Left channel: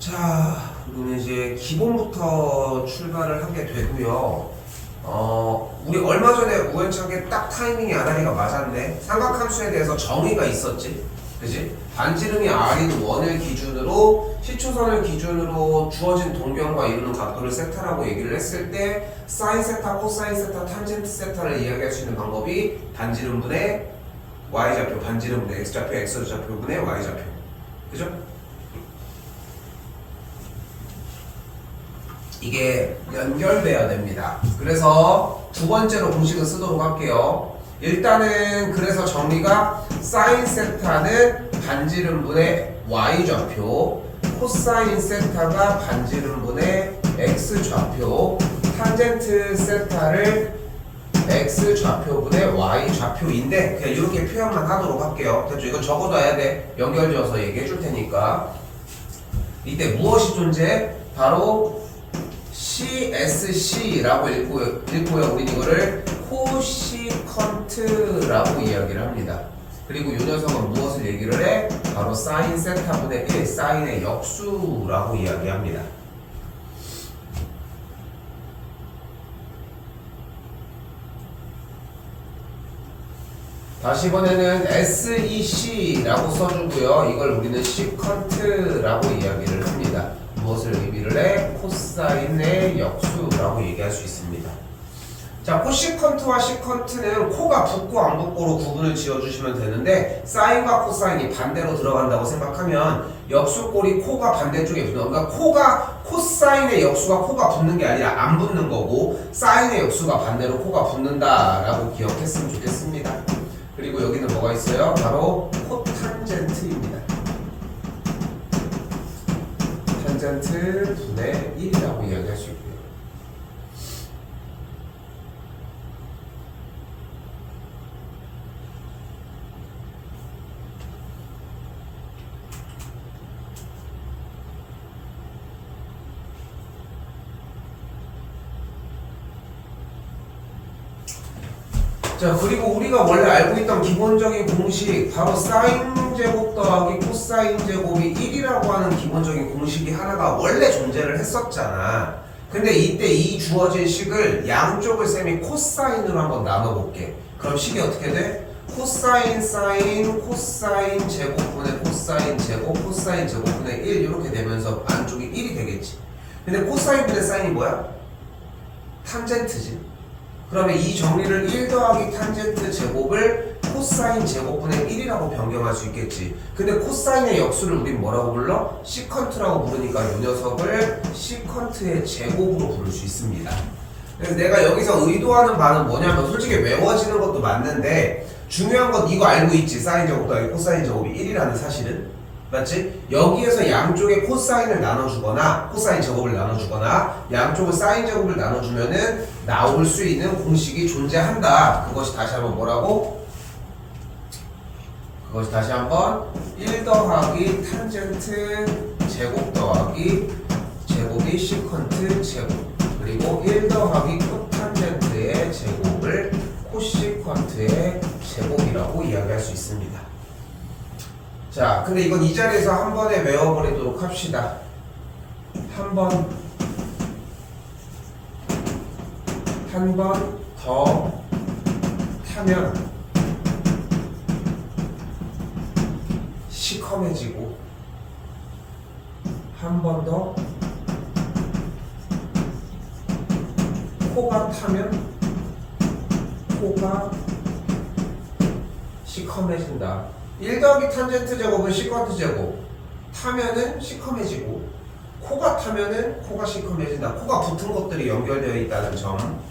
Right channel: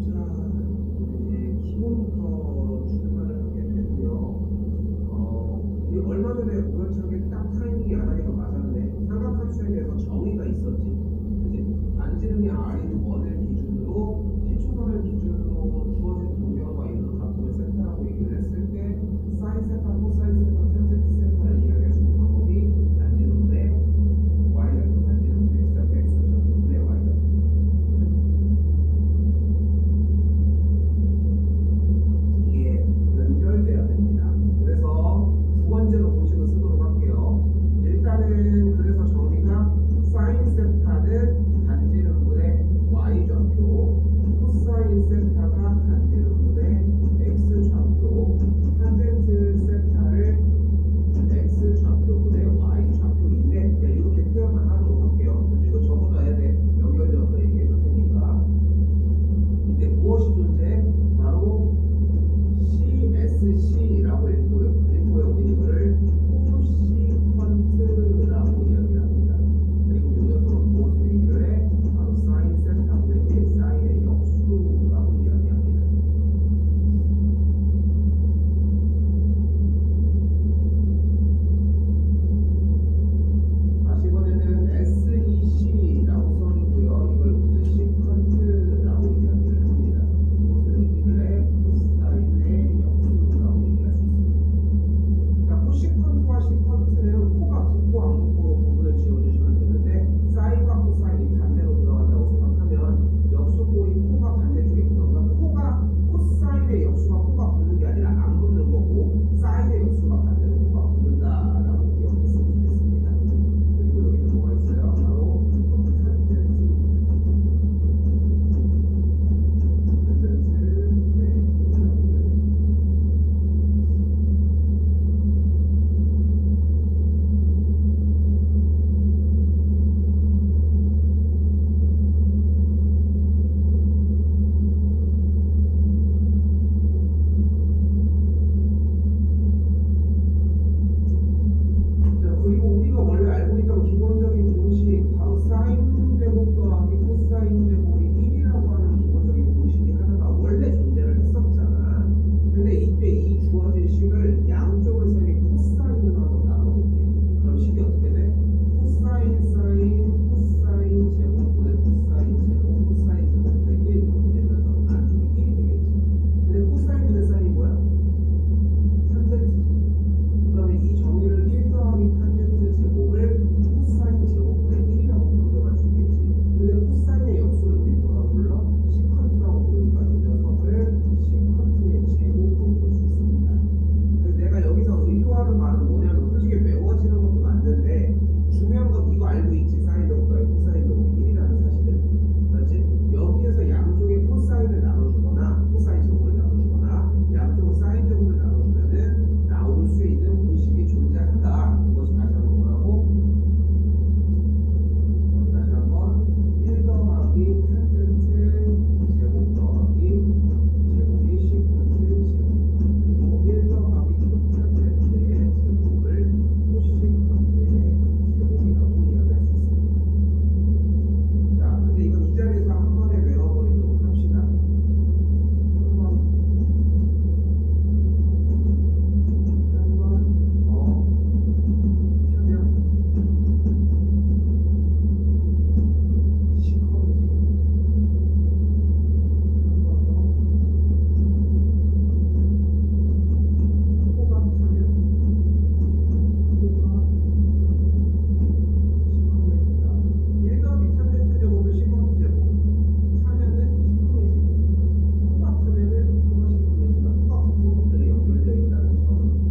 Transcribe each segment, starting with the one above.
자, 그러면 이제 기본부터 출발을 하게 되고요. 우리 얼마 전에 우연찮게 딱 타이밍이 아다리가 맞았는데 삼각함수에 대해서 정의가 있었지, 그지? 반지름이 r인 원을 기준으로 시초선을 기준으로 주어진 동변과 이루는 각도를 세타라고 얘기를 했을 때 사인 세타, 코사인 세타, 탄젠트 세타를 이야기할 수 있는 방법이 반지름분의 y좌표, 반지름분의 x좌표, x좌표분의 y좌표, 그죠? 이게 연결돼야 됩니다. 그래서 두 번째로 공식을 쓰도록 할게요. 일단은 그래서 정리가 사인 세타는 반지름분의 y좌표, 코사인 세타가 반지름분의 x좌표, 탄젠트 세타를 x좌표분의 y좌표인데 그냥 이렇게 표현만 하도록 할게요. 됐죠? 이거 적어둬야 돼. 연결지어서 얘기해 줄 테니까. 이때 무엇이 존재해? 바로 CSC라고 읽고요. 우리는 이거를 코시컨트라고 이야기를 합니다. 그리고 이 녀석은 무엇을 얘기를 해? 바로 사인 세타분의 1, 사인의 역수라고 이야기합니다. 다시 이번에는 SEC라고 써주고요. 이걸 우리는 시컨트라고 이야기를 합니다. 무엇을 의미를 해? 코사인의 역수라고 얘기할 수 있습니다. 자, 코시컨트와 시컨트는 코가 붙고 안 붙고로 구분을 지어주시면 되는데 사인과 코사인이 반대로 들어간다고 생각하면 역수꼴이 코가 반대쪽에 붙는, 그러니까 코사인의 역수가 코가 붙는 게 아니라 안 붙는 거고 사인의 역수가 반대로 코가 붙는다라고 기억했으면 좋겠습니다. 그리고 여기는 뭐가 있어요? 바로 코탄젠트입니다. 탄젠트 분의 1이라고 이야기할 수 있고요. 자, 그리고 우리가 원래 알고 있던 기본적인 공식 바로 사인 제곱 더하기 코사인 제곱이 1이라고 하는 기본적인 공식이 하나가 원래 존재를 했었잖아. 근데 이때 이 주어진 식을 양쪽을 셈이 코사인으로 한번 나눠볼게. 그럼 식이 어떻게 돼? 코사인 사인 코사인 제곱분의 코사인 제곱 코사인 제곱분의 1 이렇게 되면서 안쪽이 1이 되겠지. 근데 코사인분의 사인이 뭐야? 탄젠트지. 그러면 이 정리를 1 더하기 탄젠트 제곱을 코사인 제곱분의 1이라고 변경할 수 있겠지. 근데 코사인의 역수를 우린 뭐라고 불러? 시컨트라고 부르니까 이 녀석을 시컨트의 제곱으로 부를 수 있습니다. 그래서 내가 여기서 의도하는 바는 뭐냐면 솔직히 외워지는 것도 맞는데 중요한 건 이거 알고 있지. 사인 제곱 더하기 코사인 제곱이 1이라는 사실은. 맞지? 여기에서 양쪽에 코사인을 나눠주거나 코사인 제곱을 나눠주거나 양쪽을 사인 제곱을 나눠주면은 나올 수 있는 공식이 존재한다. 그것이 다시 한번 뭐라고? 그것이 다시 한번 1 더하기 탄젠트 제곱 더하기 제곱이 시컨트 제곱, 그리고 1 더하기 코탄젠트의 제곱을 코시컨트의 제곱이라고 이야기할 수 있습니다. 자, 근데 이건 이 자리에서 한 번에 외워버리도록 합시다. 한 번 더 타면 시커매지고, 한 번 더 코가 타면 코가 시커매진다. 1 더하기 탄젠트 제곱은 시컨트 제곱, 타면은 시커매지고, 코가 타면은 코가 시커매진다. 코가 붙은 것들이 연결되어 있다는 점.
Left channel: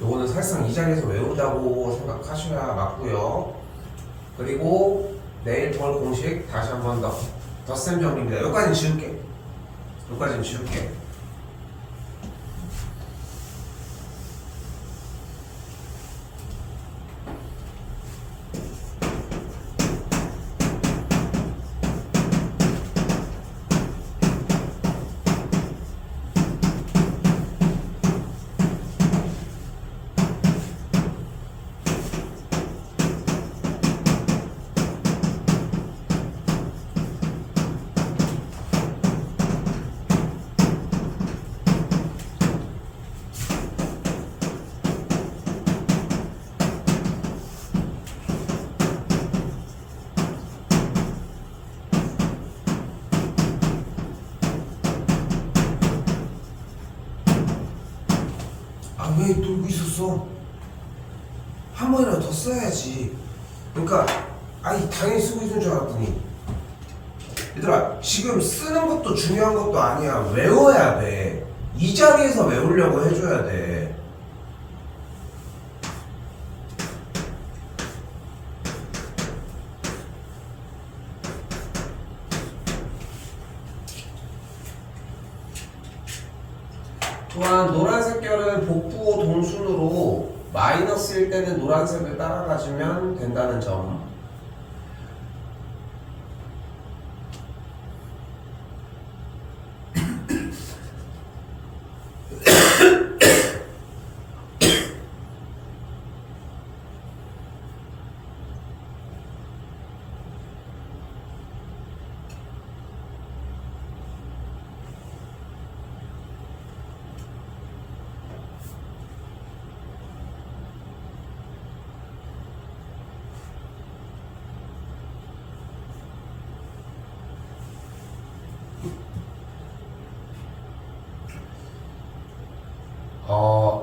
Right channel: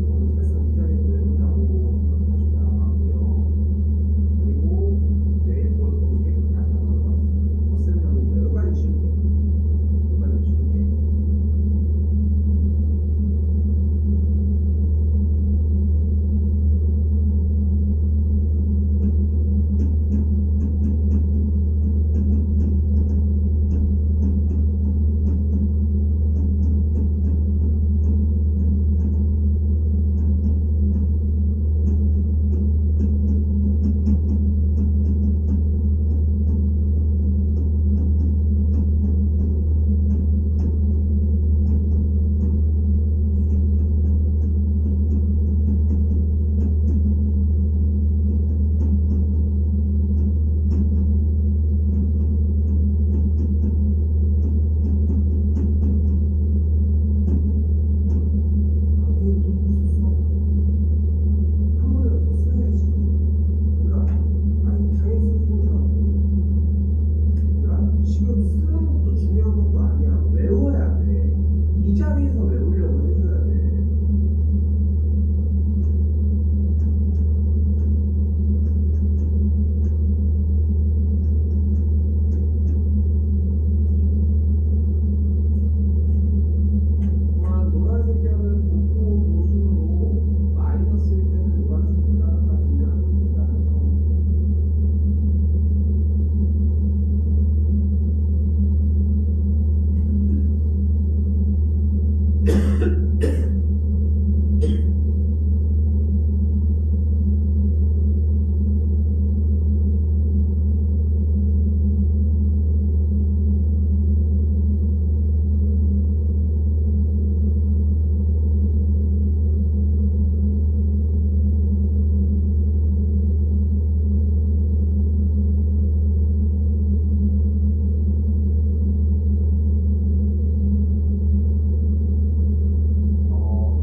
요거는 사실상 이 자리에서 외우자고 생각하셔야 맞고요. 그리고 내일 볼 쌤 정리입니다. 여기까지는 지울게. 여기까지는 지울게. 왜 놀고 있었어? 한 번이라도 더 써야지. 그러니까 아니 당연히 쓰고 있는 줄 알았더니 얘들아 지금 쓰는 것도 중요한 것도 아니야. 외워야 돼. 이 자리에서 외우려고 해줘야 돼. 또한 노란색 결은 복부호 동순으로 마이너스일 때는 노란색을 따라가주면 된다는 점.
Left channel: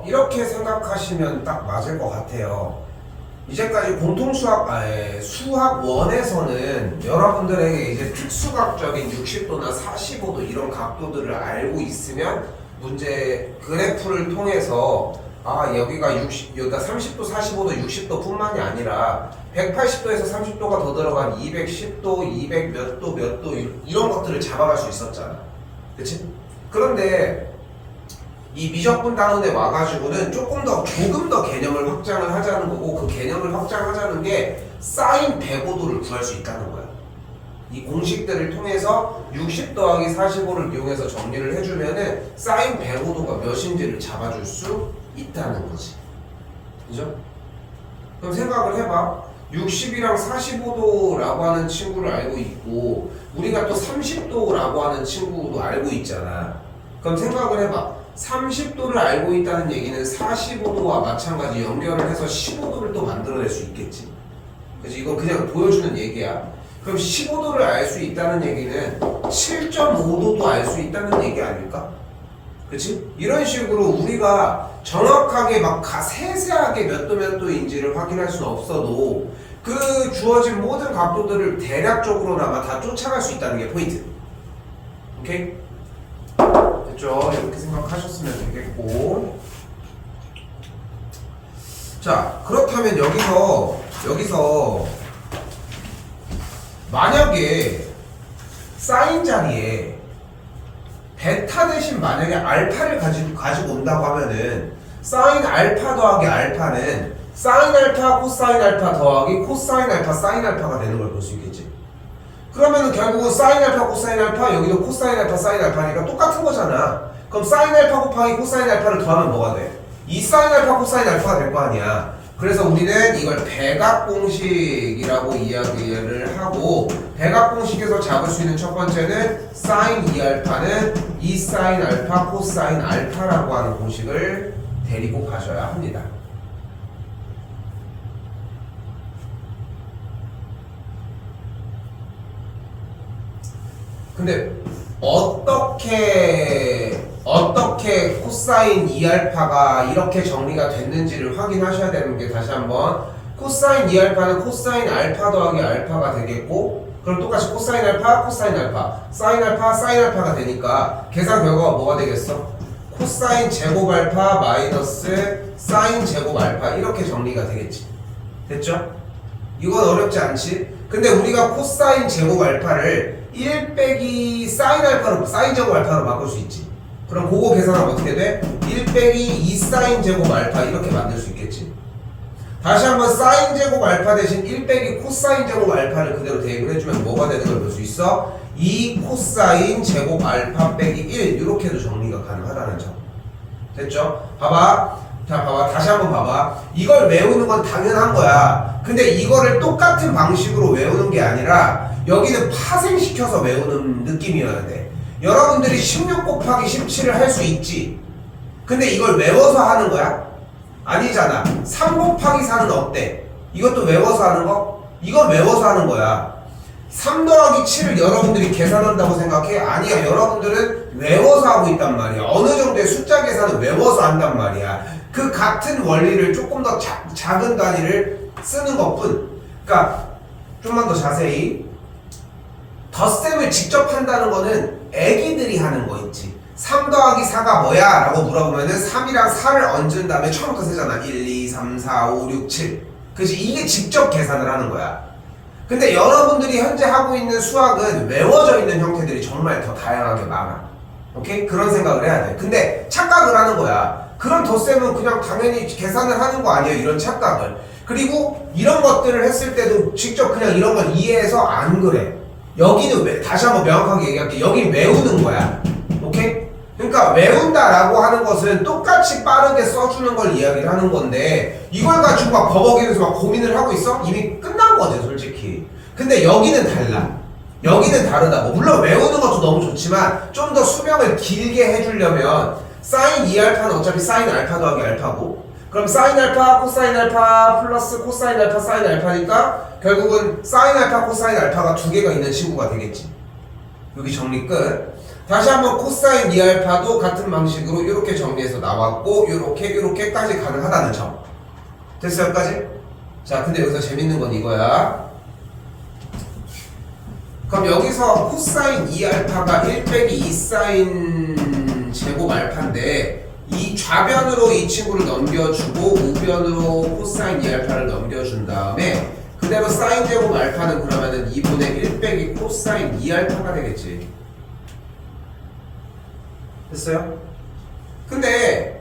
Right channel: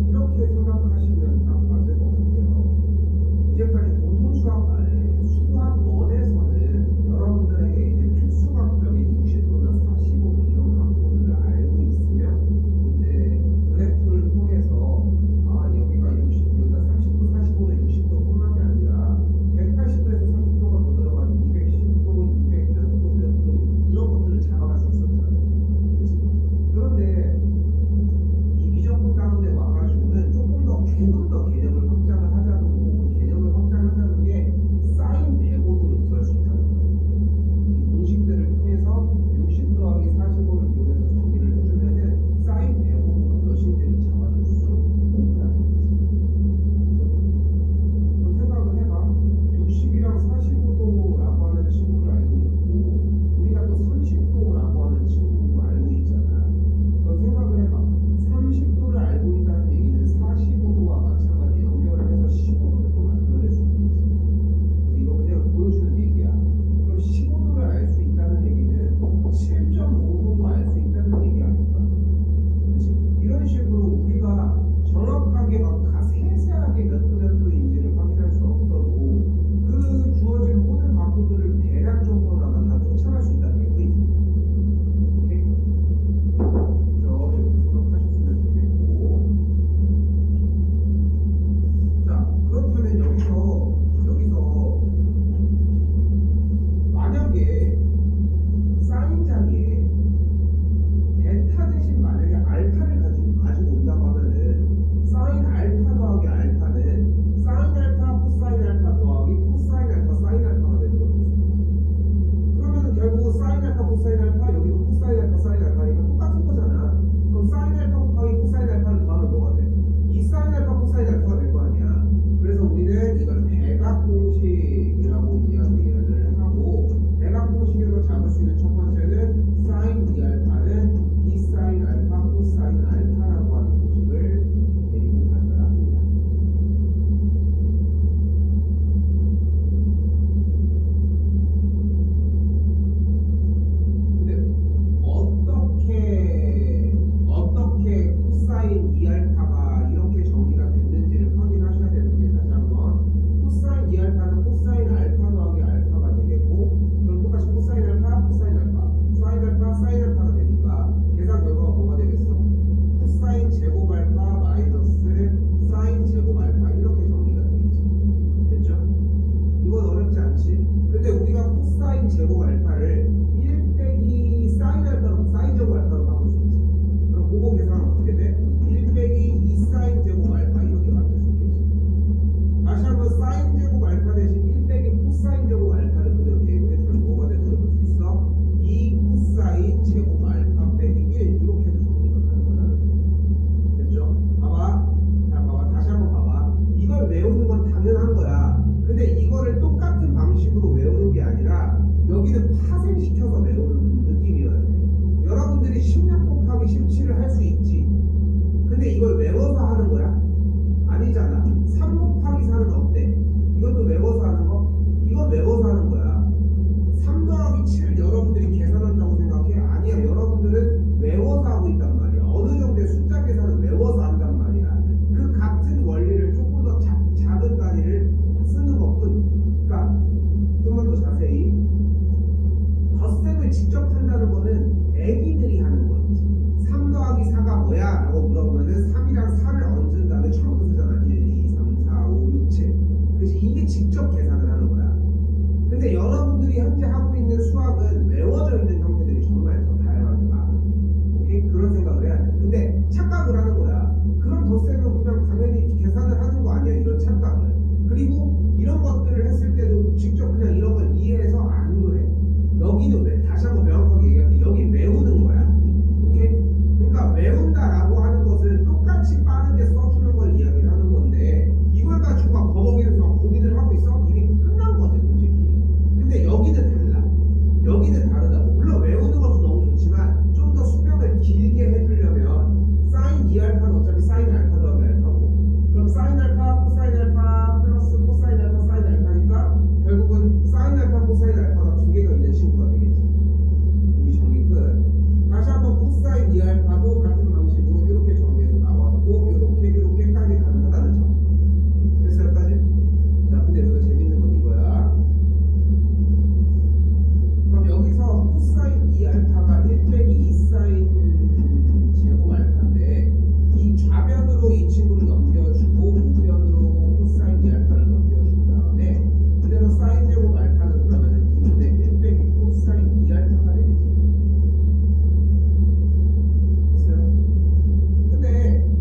이렇게 생각하시면 딱 맞을 것 같아요. 이제까지 공통수학, 수학 1에서는 여러분들에게 이제 특수각적인 60도나 45도 이런 각도들을 알고 있으면 문제 그래프를 통해서 여기가 30도, 45도, 60도 뿐만이 아니라 180도에서 30도가 더 들어간 210도, 200 몇 도, 몇 도 이런 것들을 잡아갈 수 있었잖아. 그치? 그런데 이 미적분 단원에 와가지고는 조금 더 조금 더 개념을 확장을 하자는 거고, 그 개념을 확장하자는 게 사인 105도를 구할 수 있다는 거야. 이 공식들을 통해서 60 더하기 45를 이용해서 정리를 해주면은 사인 105도가 몇인지를 잡아줄 수 있다는 거지. 그죠? 그럼 생각을 해봐. 60이랑 45도라고 하는 친구를 알고 있고, 우리가 또 30도라고 하는 친구도 알고 있잖아. 그럼 생각을 해봐. 30도를 알고 있다는 얘기는 45도와 마찬가지 연결을 해서 15도를 또 만들어낼 수 있겠지. 그래서 이건 그냥 보여주는 얘기야. 그럼 15도를 알 수 있다는 얘기는 7.5도도 알 수 있다는 얘기 아닐까? 그치? 이런 식으로 우리가 정확하게 막 세세하게 몇 도 몇 도인지를 확인할 수는 없어도 그 주어진 모든 각도들을 대략적으로나마 다 쫓아갈 수 있다는 게 포인트. 오케이? 됐죠? 이렇게 생각하셨으면 되겠고. 자, 그렇다면 여기서 만약에 사인 자리에 베타 대신 만약에 알파를 가지고 온다고 하면은 사인 알파 더하기 알파는 사인 알파 코사인 알파 더하기 코사인 알파 사인 알파가 되는 걸 볼 수 있겠지. 그러면은 결국은 사인 알파 코사인 알파, 여기도 코사인 알파 사인 알파니까 똑같은 거잖아. 그럼 사인 알파 곱하기 코사인 알파를 더하면 뭐가 돼? 이 사인 알파 코사인 알파가 될 거 아니야. 그래서 우리는 이걸 백악공식이라고 이야기를 하고, 백악공식에서 잡을 수 있는 첫 번째는 사인 2알파는 2 사인 알파 코사인 알파라고 하는 공식을 데리고 가셔야 합니다. 근데 어떻게 코사인 2알파가 이렇게 정리가 됐는지를 확인하셔야 되는 게, 다시 한번 코사인 2알파는 코사인 알파 더하기 알파가 되겠고, 그럼 똑같이 코사인 알파 코사인 알파 사인 알파 사인 알파가 되니까 계산 결과가 뭐가 되겠어? 코사인 제곱 알파 마이너스 사인 제곱 알파 이렇게 정리가 되겠지. 됐죠? 이건 어렵지 않지? 근데 우리가 코사인 제곱 알파를 1 빼기 사인 알파로 사인 제곱 알파로 바꿀 수 있지. 그럼 그거 계산하면 어떻게 돼? 1 빼기 2 사인 제곱 알파 이렇게 만들 수 있겠지. 다시 한번 사인 제곱 알파 대신 1 빼기 코사인 제곱 알파를 그대로 대입을 해주면 뭐가 되는 걸 볼 수 있어? 2 코사인 제곱 알파 빼기 1 이렇게도 정리가 가능하다는 점. 됐죠? 봐봐. 자, 봐봐. 다시 한번 봐봐. 이걸 외우는 건 당연한 거야. 근데 이거를 똑같은 방식으로 외우는 게 아니라 여기는 파생시켜서 외우는 느낌이어야 돼. 여러분들이 16 곱하기 17을 할 수 있지. 근데 이걸 외워서 하는 거야? 아니잖아. 3 곱하기 4는 어때? 이것도 외워서 하는 거? 이건 외워서 하는 거야. 3 더하기 7을 여러분들이 계산한다고 생각해? 아니야. 여러분들은 외워서 하고 있단 말이야. 어느 정도의 숫자 계산을 외워서 한단 말이야. 그 같은 원리를 조금 더 작은 단위를 쓰는 것뿐. 그러니까 좀만 더 자세히 덧셈을 직접 한다는 거는 애기들이 하는 거 있지. 3 더하기 4가 뭐야? 라고 물어보면은 3이랑 4를 얹은 다음에 처음부터 세잖아. 1, 2, 3, 4, 5, 6, 7. 그치? 이게 직접 계산을 하는 거야. 근데 여러분들이 현재 하고 있는 수학은 외워져 있는 형태들이 정말 더 다양하게 많아. 오케이? 그런 생각을 해야 돼. 근데 착각을 하는 거야. 그런 덧셈은 그냥 당연히 계산을 하는 거 아니에요? 이런 착각을. 그리고 이런 것들을 했을 때도 직접 그냥 이런 걸 이해해서 안 그래. 여기는 다시 한번 명확하게 얘기할게. 여기 외우는 거야. 오케이? 그러니까 외운다라고 하는 것은 똑같이 빠르게 써주는 걸 이야기를 하는 건데 이걸 가지고 막 버벅이면서 막 고민을 하고 있어? 이미 끝난 거지 솔직히. 근데 여기는 달라. 여기는 다르다. 뭐 물론 외우는 것도 너무 좋지만 좀 더 수명을 길게 해주려면 사인 2알파는 어차피 사인 알파 더하기 알파고 그럼 사인 알파 코사인 알파 플러스 코사인 알파 사인 알파니까 결국은 사인 알파 코사인 알파가 두 개가 있는 친구가 되겠지. 여기 정리 끝. 다시 한번 코사인 2알파도 같은 방식으로 이렇게 정리해서 나왔고 이렇게까지 가능하다는 점. 됐어요? 여기까지? 자, 근데 여기서 재밌는 건 이거야. 그럼 여기서 코사인 2알파가 1 빼기 2 사인 제곱 알파인데 이 좌변으로 이 친구를 넘겨주고 우변으로 코사인 2알파를 넘겨준 다음에 그대로 사인 제곱 알파는 그러면은 2분의 1 빼기 코사인 2알파가 되겠지. 됐어요? 근데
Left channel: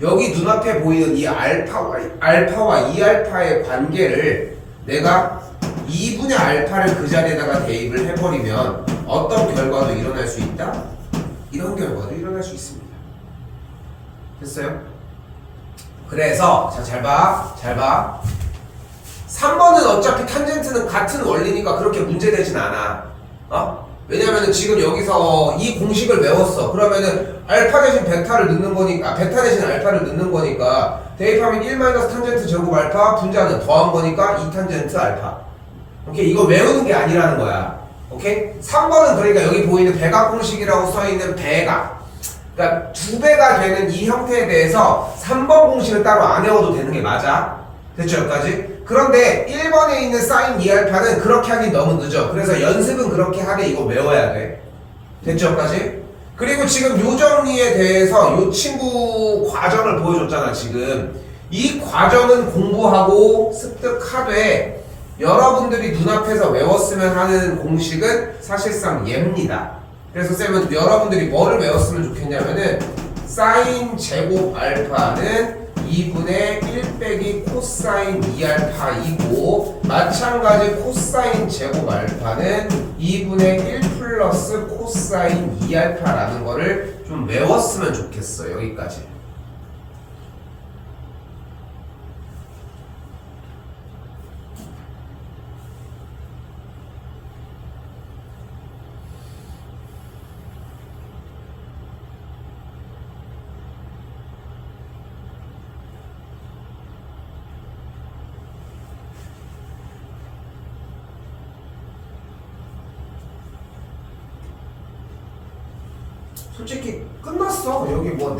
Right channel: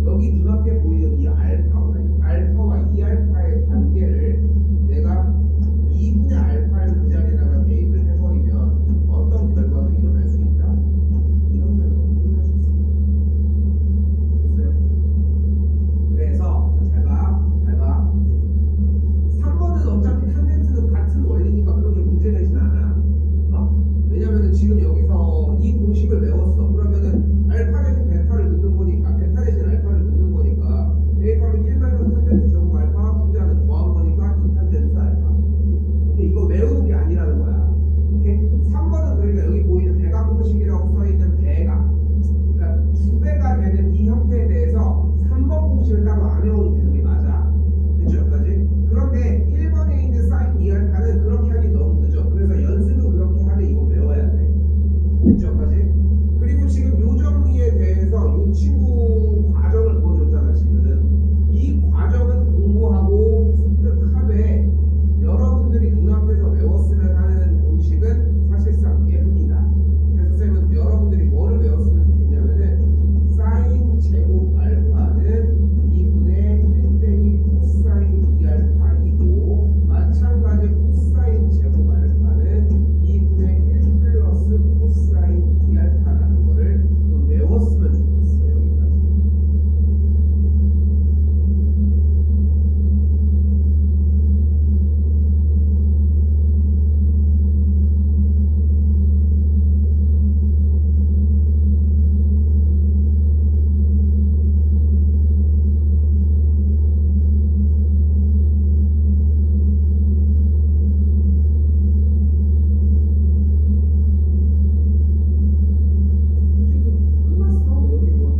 여기 눈앞에 보이는 이 알파와 2알파의 관계를 내가 2분의 알파를 그 자리에다가 대입을 해버리면 어떤 결과도 일어날 수 있다? 이런 결과도 일어날 수 있습니다. 됐어요? 그래서 자, 잘 봐. 3번은 어차피 탄젠트는 같은 원리니까 그렇게 문제되진 않아. 왜냐면은 지금 여기서 이 공식을 외웠어. 그러면은 알파 대신 베타를 넣는 거니까 베타 대신 알파를 넣는 거니까 대입하면 1 탄젠트 제곱 알파 분자는 더한 거니까 2 탄젠트 알파. 오케이? 이거 외우는 게 아니라는 거야. 오케이? 3번은 그러니까 여기 보이는 배각 공식이라고 써있는 배각, 그러니까 2배가 되는 이 형태에 대해서 3번 공식을 따로 안 외워도 되는 게 맞아. 됐죠? 여기까지? 그런데 1번에 있는 사인 2알파는 그렇게 하긴 너무 늦어. 그래서 연습은 그렇게 하되 이거 외워야 돼. 됐죠? 여기까지? 그리고 지금 요 정리에 대해서 요 친구 과정을 보여줬잖아. 지금 이 과정은 공부하고 습득하되 여러분들이 눈앞에서 외웠으면 하는 공식은 사실상 얘입니다. 그래서 쌤은 여러분들이 뭐를 외웠으면 좋겠냐면은 사인 제곱 알파는 2분의 1 빼기 코사인 2알파이고 마찬가지 코사인 제곱 알파는 2분의 1 플러스 코사인 2알파라는 거를 좀 외웠으면 좋겠어. 여기까지. 솔직히 끝났어. 여기 뭐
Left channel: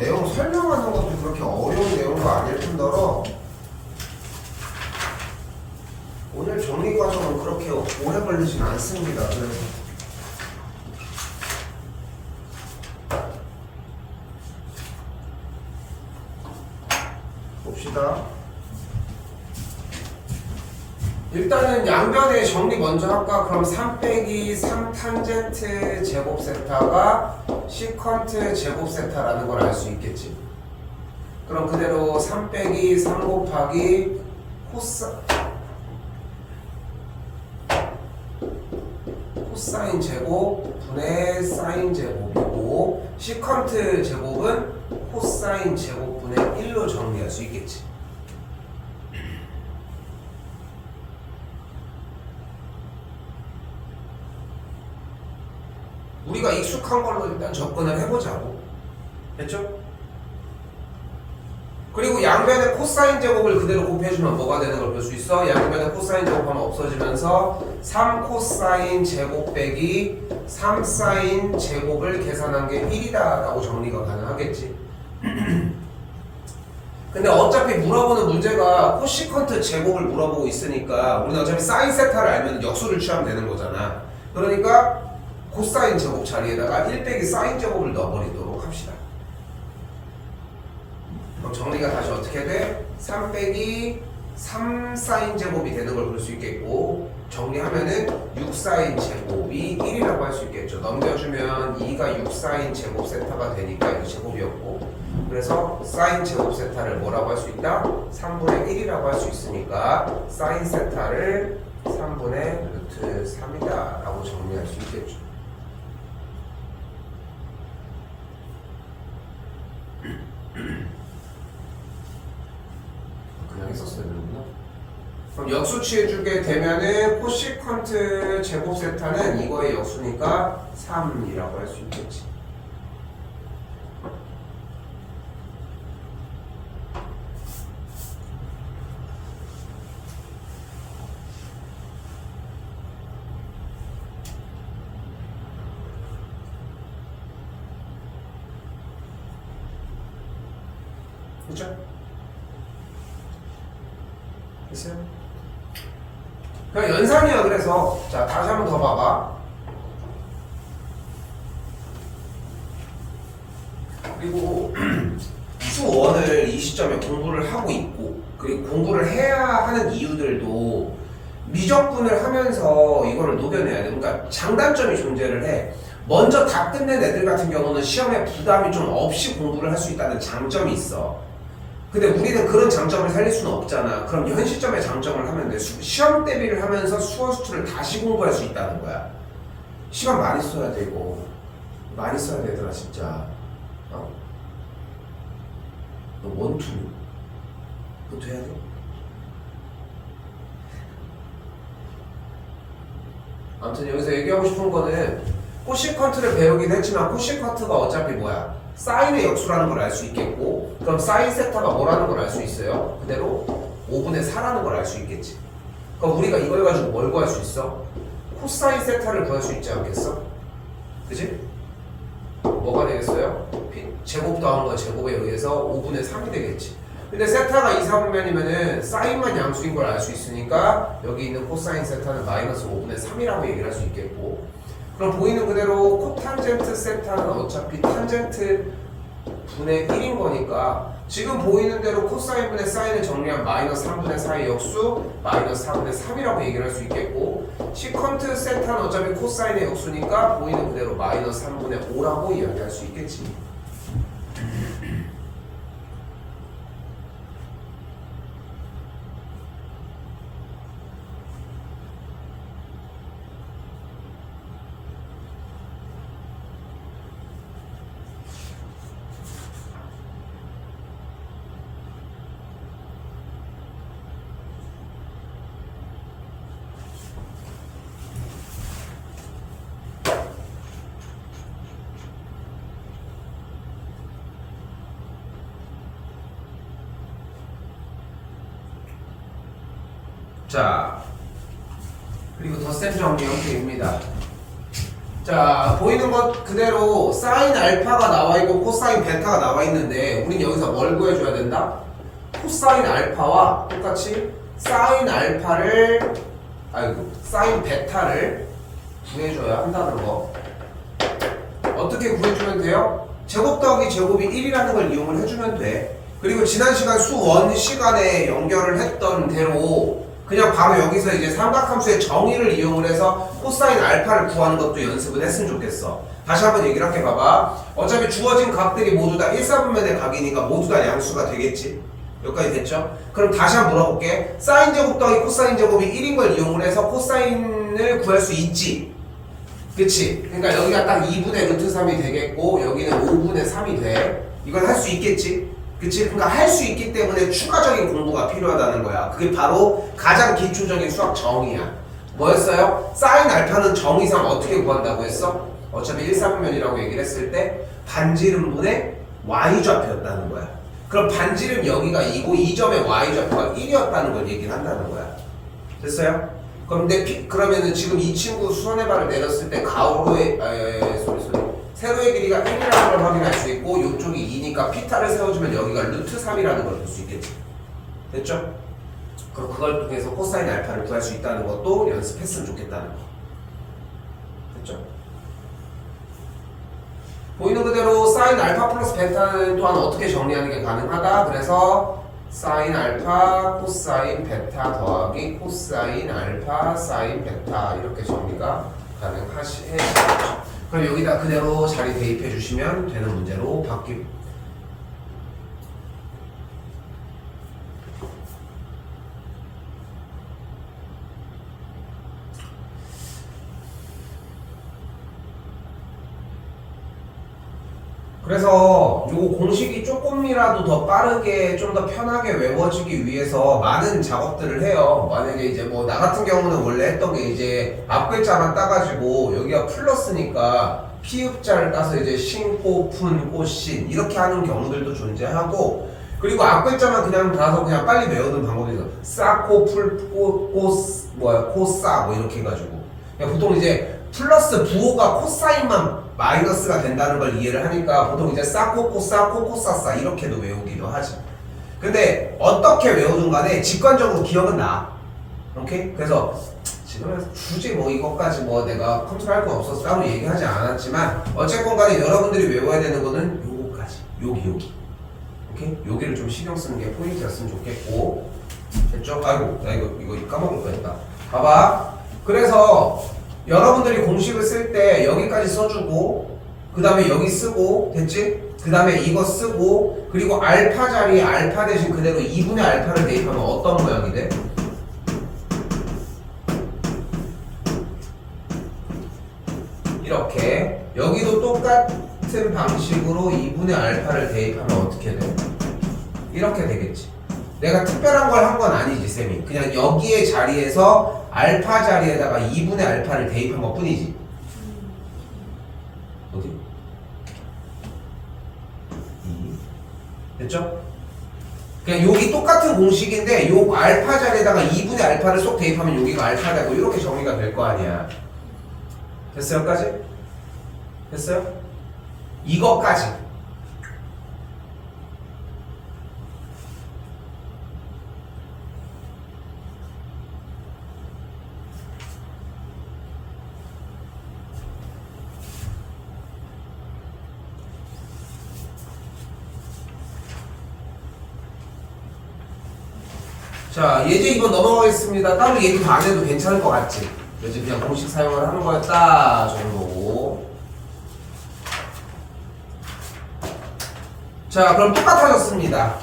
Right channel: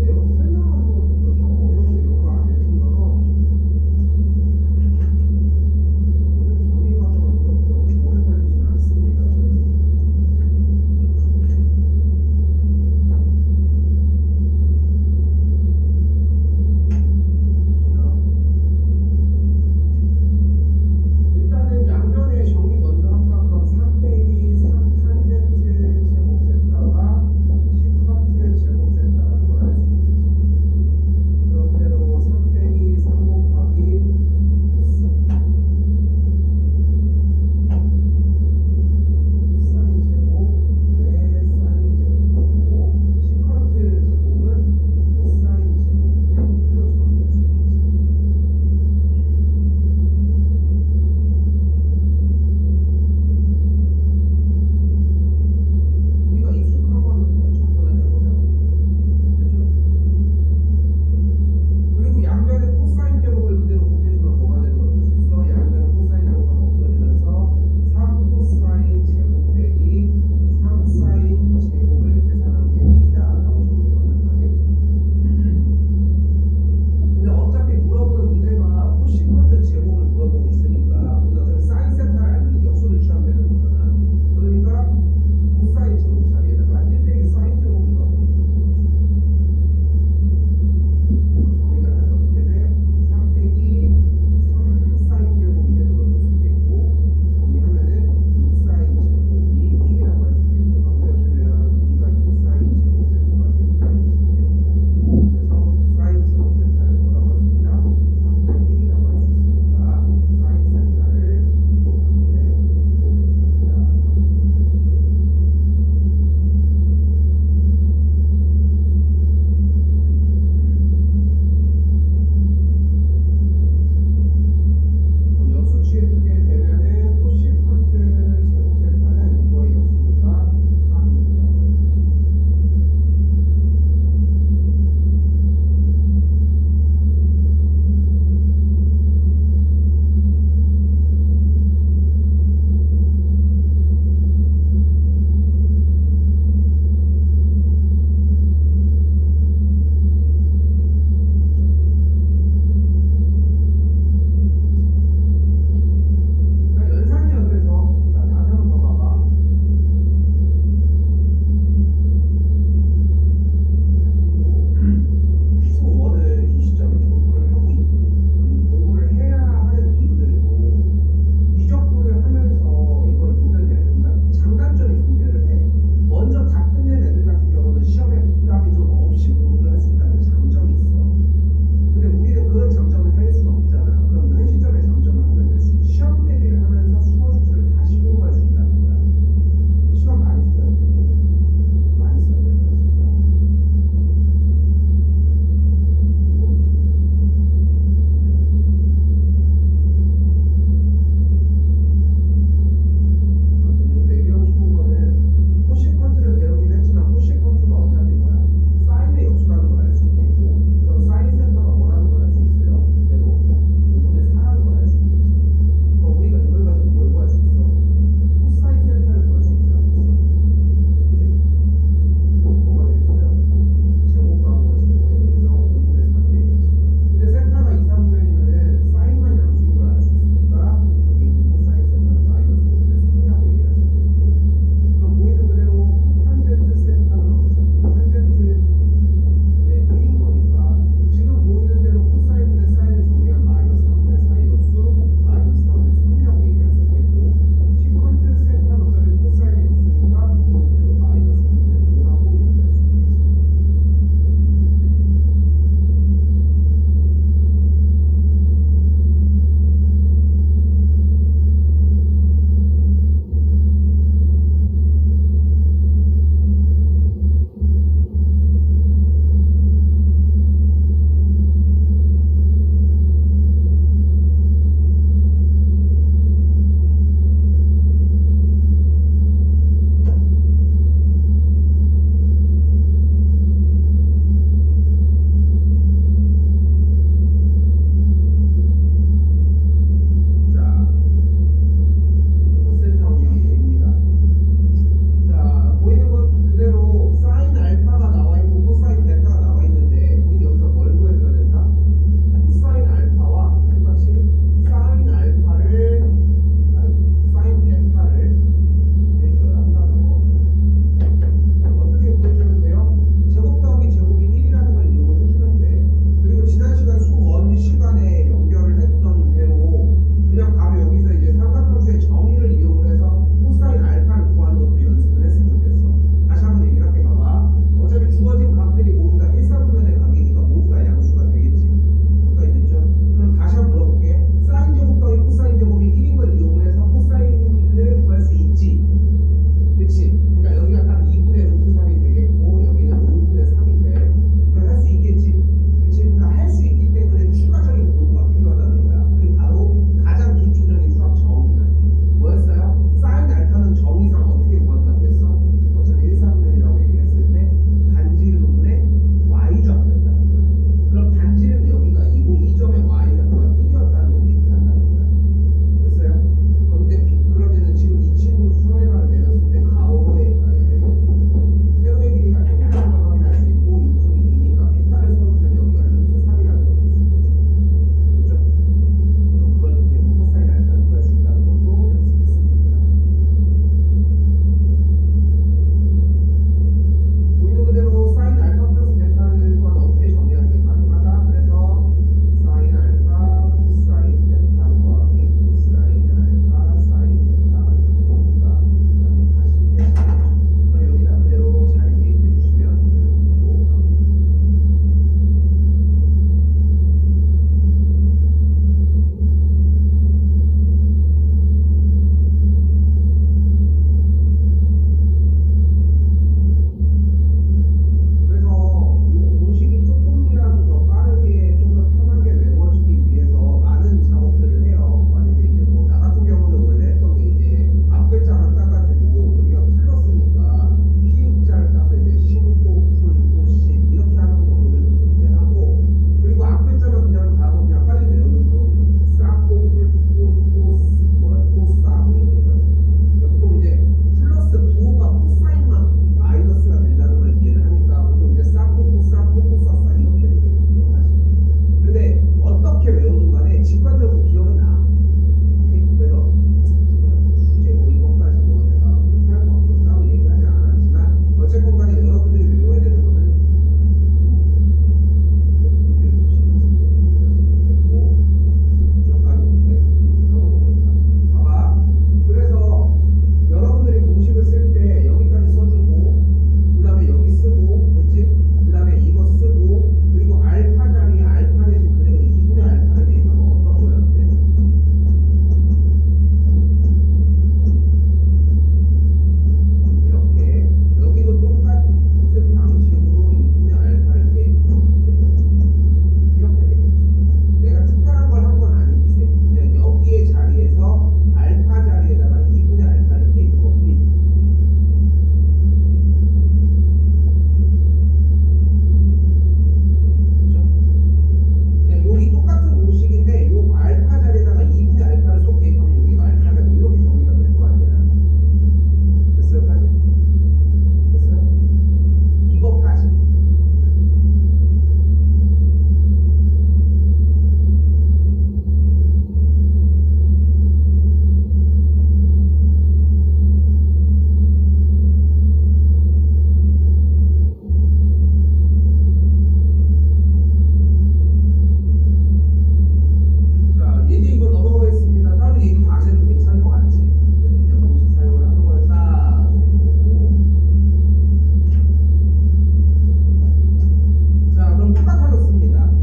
일단은 양변의 정리 먼저 할까? 그럼 3 빼기 3 탄젠트 제곱 세타가 시컨트 제곱 세타라는 걸 알 수 있겠지. 그럼 그대로 3 빼기 3 곱하기 코사인 제곱 분의 사인 제곱이고 시컨트 제곱은 코사인 제곱 분의 1로 정리할 수 있겠지. 우리가 익숙한 걸로 일단 접근을 해보자고. 됐죠? 그리고 양변의 코사인 제곱을 그대로 곱해주면 뭐가 되는 걸 볼 수 있어? 양변의 코사인 제곱하면 없어지면서 3 코사인 제곱 빼기 3 사인 제곱을 계산한 게 1이다 라고 정리가 가능하겠지. 근데 어차피 물어보는 문제가 코시컨트 제곱을 물어보고 있으니까 우리는 어차피 사인 세타를 알면 역수를 취하면 되는 거잖아. 그러니까 코사인 제곱 자리에다가 1 빼기 사인 제곱을 넣어버리도록 합시다. 그럼 정리가 다시 어떻게 돼? 3 빼기 3 사인 제곱이 되는 걸 볼 수 있겠고 정리하면은 6 사인 제곱이 1이라고 할 수 있겠죠. 넘겨주면 2가 6 사인 제곱 세타가 되니까 이 제곱이었고 그래서 사인 제곱 세타를 뭐라고 할 수 있다? 3분의 1이라고 할 수 있으니까 사인 세타를 3분의 루트 3이다 라고 정리할 수 있겠죠. 역수 취해주게 되면은 코시컨트 제곱 세타는 이거의 역수니까 3이라고 할 수 있겠지. 연산이야. 그래서 자 다시 한번 더 봐봐. 그리고 수1을 이 시점에 공부를 하고 있고 그리고 공부를 해야 하는 이유들도 미적분을 하면서 이거를 녹여내야 돼. 그러니까 장단점이 존재를 해. 먼저 다 끝낸 애들 같은 경우는 시험에 부담이 좀 없이 공부를 할 수 있다는 장점이 있어. 근데 우리는 그런 장점을 살릴 수는 없잖아. 그럼 현 시점의 장점을 하면 돼. 시험 대비를 하면서 수원 수투를 다시 공부할 수 있다는 거야. 시간 많이 써야 돼. 이거 많이 써야 되더라 진짜. 너 원투 해야 돼. 아무튼 여기서 얘기하고 싶은 거는 코시컨트를 배우긴 했지만 코시컨트가 어차피 뭐야? 사인의 역수라는 걸 알 수 있겠고 그럼 사인 세타가 뭐라는 걸 알 수 있어요? 그대로 5분의 4라는 걸 알 수 있겠지. 그럼 우리가 이걸 가지고 뭘 구할 수 있어? 코사인 세타를 구할 수 있지 않겠어? 그지? 뭐가 되겠어요? 제곱 더한 거 제곱에 의해서 5분의 3이 되겠지. 근데 세타가 2, 3분면이면은 사인만 양수인 걸 알 수 있으니까 여기 있는 코사인 세타는 마이너스 5분의 3이라고 얘기를 할 수 있겠고 그럼 보이는 그대로 코탄젠트 세타는 어차피 탄젠트 분의 1인 거니까 지금 보이는 대로 코사인 분의 사인을 정리한 마이너스 3분의 4의 역수 마이너스 4분의 3이라고 얘기를 할 수 있겠고 시컨트 세타는 어차피 코사인의 역수니까 보이는 그대로 마이너스 3분의 5라고 이야기할 수 있겠지. 자, 그리고 덧셈 정리 형태입니다. 자, 보이는 것 그대로 사인 알파가 나와 있고 코사인 베타가 나와 있는데 우린 여기서 뭘 구해줘야 된다? 코사인 알파와 똑같이 사인 알파를 사인 베타를 구해줘야 한다는 거. 어떻게 구해주면 돼요? 제곱 더하기 제곱이 1이라는 걸 이용을 해주면 돼. 그리고 지난 시간 수1 시간에 연결을 했던 대로 그냥 바로 여기서 이제 삼각함수의 정의를 이용을 해서 코사인 알파를 구하는 것도 연습을 했으면 좋겠어. 다시 한번 얘기를 할게. 봐봐. 어차피 주어진 각들이 모두 다 1사분면의 각이니까 모두 다 양수가 되겠지. 여기까지 됐죠? 그럼 다시 한번 물어볼게. 사인 제곱 더하기 코사인 제곱이 1인 걸 이용을 해서 코사인을 구할 수 있지. 그치? 그러니까 여기가 딱 2분의 루트 3이 되겠고 여기는 5분의 3이 돼. 이걸 할 수 있겠지? 그치? 그러니까 할 수 있기 때문에 추가적인 공부가 필요하다는 거야. 그게 바로 가장 기초적인 수학 정의야. 뭐였어요? 사인 알파는 정의상 어떻게 구한다고 했어? 어차피 1사분면이라고 얘기를 했을 때 반지름분의 y좌표였다는 거야. 그럼 반지름 여기가 2고 이 점의 y좌표가 1이었다는 걸 얘기를 한다는 거야. 됐어요? 그런데 그러면은 지금 이 친구 수선의 발을 내렸을 때 가로의 세로의 길이가 n이라는 걸 확인할 수 있고 이쪽이 2니까 피타를 세워주면 여기가 루트 3이라는 걸 볼 수 있겠지. 됐죠? 그럼 그걸 통해서 코사인 알파를 구할 수 있다는 것도 연습했으면 좋겠다는 거. 됐죠? 보이는 그대로 사인 알파 플러스 베타는 또한 어떻게 정리하는 게 가능하다. 그래서 사인 알파 코사인 베타 더하기 코사인 알파 사인 베타 이렇게 정리가 가능하시죠. 그럼 여기다 그대로 자리 대입해 주시면 되는 문제로 바뀝니다. 그래서 요 공식이 조금이라도 더 빠르게 좀 더 편하게 외워지기 위해서 많은 작업들을 해요. 만약에 이제 뭐 나 같은 경우는 원래 했던 게 이제 앞글자만 따가지고 여기가 플러스니까 피읍자를 따서 이제 신, 코, 푼, 꽃신 이렇게 하는 경우들도 존재하고 그리고 앞글자만 그냥 따서 그냥 빨리 외우는 방법이 있어. 싸, 코, 풀, 코, 싸 뭐 이렇게 해가지고 그냥 보통 이제 플러스 부호가 코사인만 마이너스가 된다는 걸 이해를 하니까 보통 이제 싸코코싸 코코싸싸 이렇게도 외우기도 하지. 근데 어떻게 외우든 간에 직관적으로 기억은 나. 오케이? 그래서 지금 굳이 뭐 이것까지 뭐 내가 컨트롤할 거 없어서 따로 얘기하지 않았지만 어쨌건 간에 여러분들이 외워야 되는 거는 요거까지. 여기. 오케이? 여기를 좀 신경 쓰는 게 포인트였으면 좋겠고. 됐죠? 아이고 나 이거 까먹은 거 했다. 봐봐. 그래서 여러분들이 공식을 쓸 때 여기까지 써주고 그 다음에 여기 쓰고 됐지? 그 다음에 이거 쓰고 그리고 알파 자리에 알파 대신 그대로 2분의 알파를 대입하면 어떤 모양이 돼? 이렇게 여기도 똑같은 방식으로 2분의 알파를 대입하면 어떻게 돼? 이렇게 되겠지. 내가 특별한 걸 한 건 아니지 쌤이. 그냥 여기의 자리에서 알파 자리에다가 2분의 알파를 대입한 것 뿐이지. 어디? 됐죠? 그냥 여기 똑같은 공식인데 요 알파 자리에다가 2분의 알파를 쏙 대입하면 여기가 알파 되고 이렇게 정리가 될 거 아니야. 됐어요? 여기까지? 됐어요? 이것까지. 자, 예제 2번 넘어가겠습니다. 따로 얘기 안 해도 괜찮을 것 같지? 이제 그냥 공식 사용을 하는 거였다 정도고. 자, 그럼 똑같아졌습니다.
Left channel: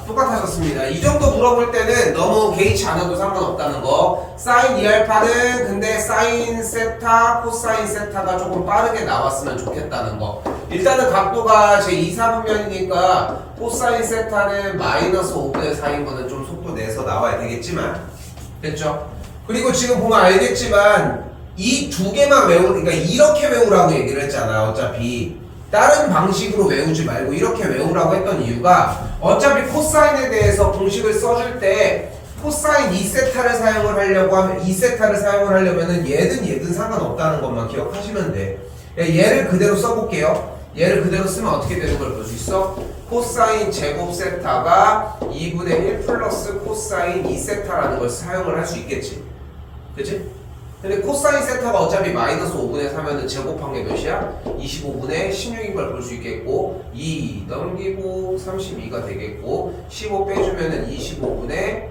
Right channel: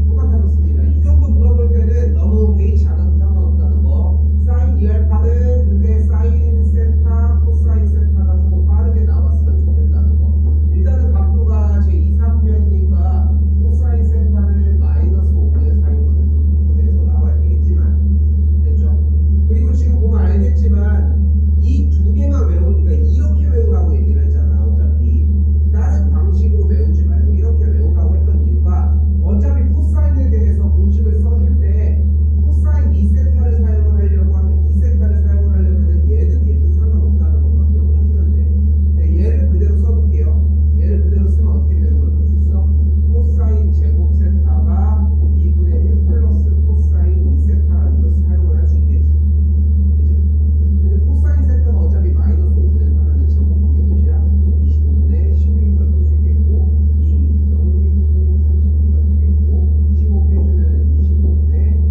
이 정도 물어볼 때는 너무 개의치 않아도 상관없다는 거. 사인 2알파는 근데 사인 세타, 코사인 세타가 조금 빠르게 나왔으면 좋겠다는 거. 일단은 각도가 제 2사분면이니까 코사인 세타는 마이너스 5분의 4인 거는 좀 속도 내서 나와야 되겠지만 됐죠? 그리고 지금 보면 알겠지만 이 두 개만 그러니까 이렇게 외우라고 얘기를 했잖아. 어차피 다른 방식으로 외우지 말고 이렇게 외우라고 했던 이유가 어차피 코사인에 대해서 공식을 써줄 때 코사인 2세타를 사용을 하려고 하면 2세타를 사용을 하려면은 얘든 상관없다는 것만 기억하시면 돼. 얘를 그대로 써볼게요. 얘를 그대로 쓰면 어떻게 되는 걸 볼 수 있어? 코사인 제곱 세타가 2분의 1 플러스 코사인 2세타라는 걸 사용을 할 수 있겠지. 그치? 근데 코사인 세타가 어차피 마이너스 5분의 4면은 제곱한 게 몇이야? 25분의 16인 걸 볼 수 있겠고 2 넘기고 32가 되겠고 15 빼주면은 25분의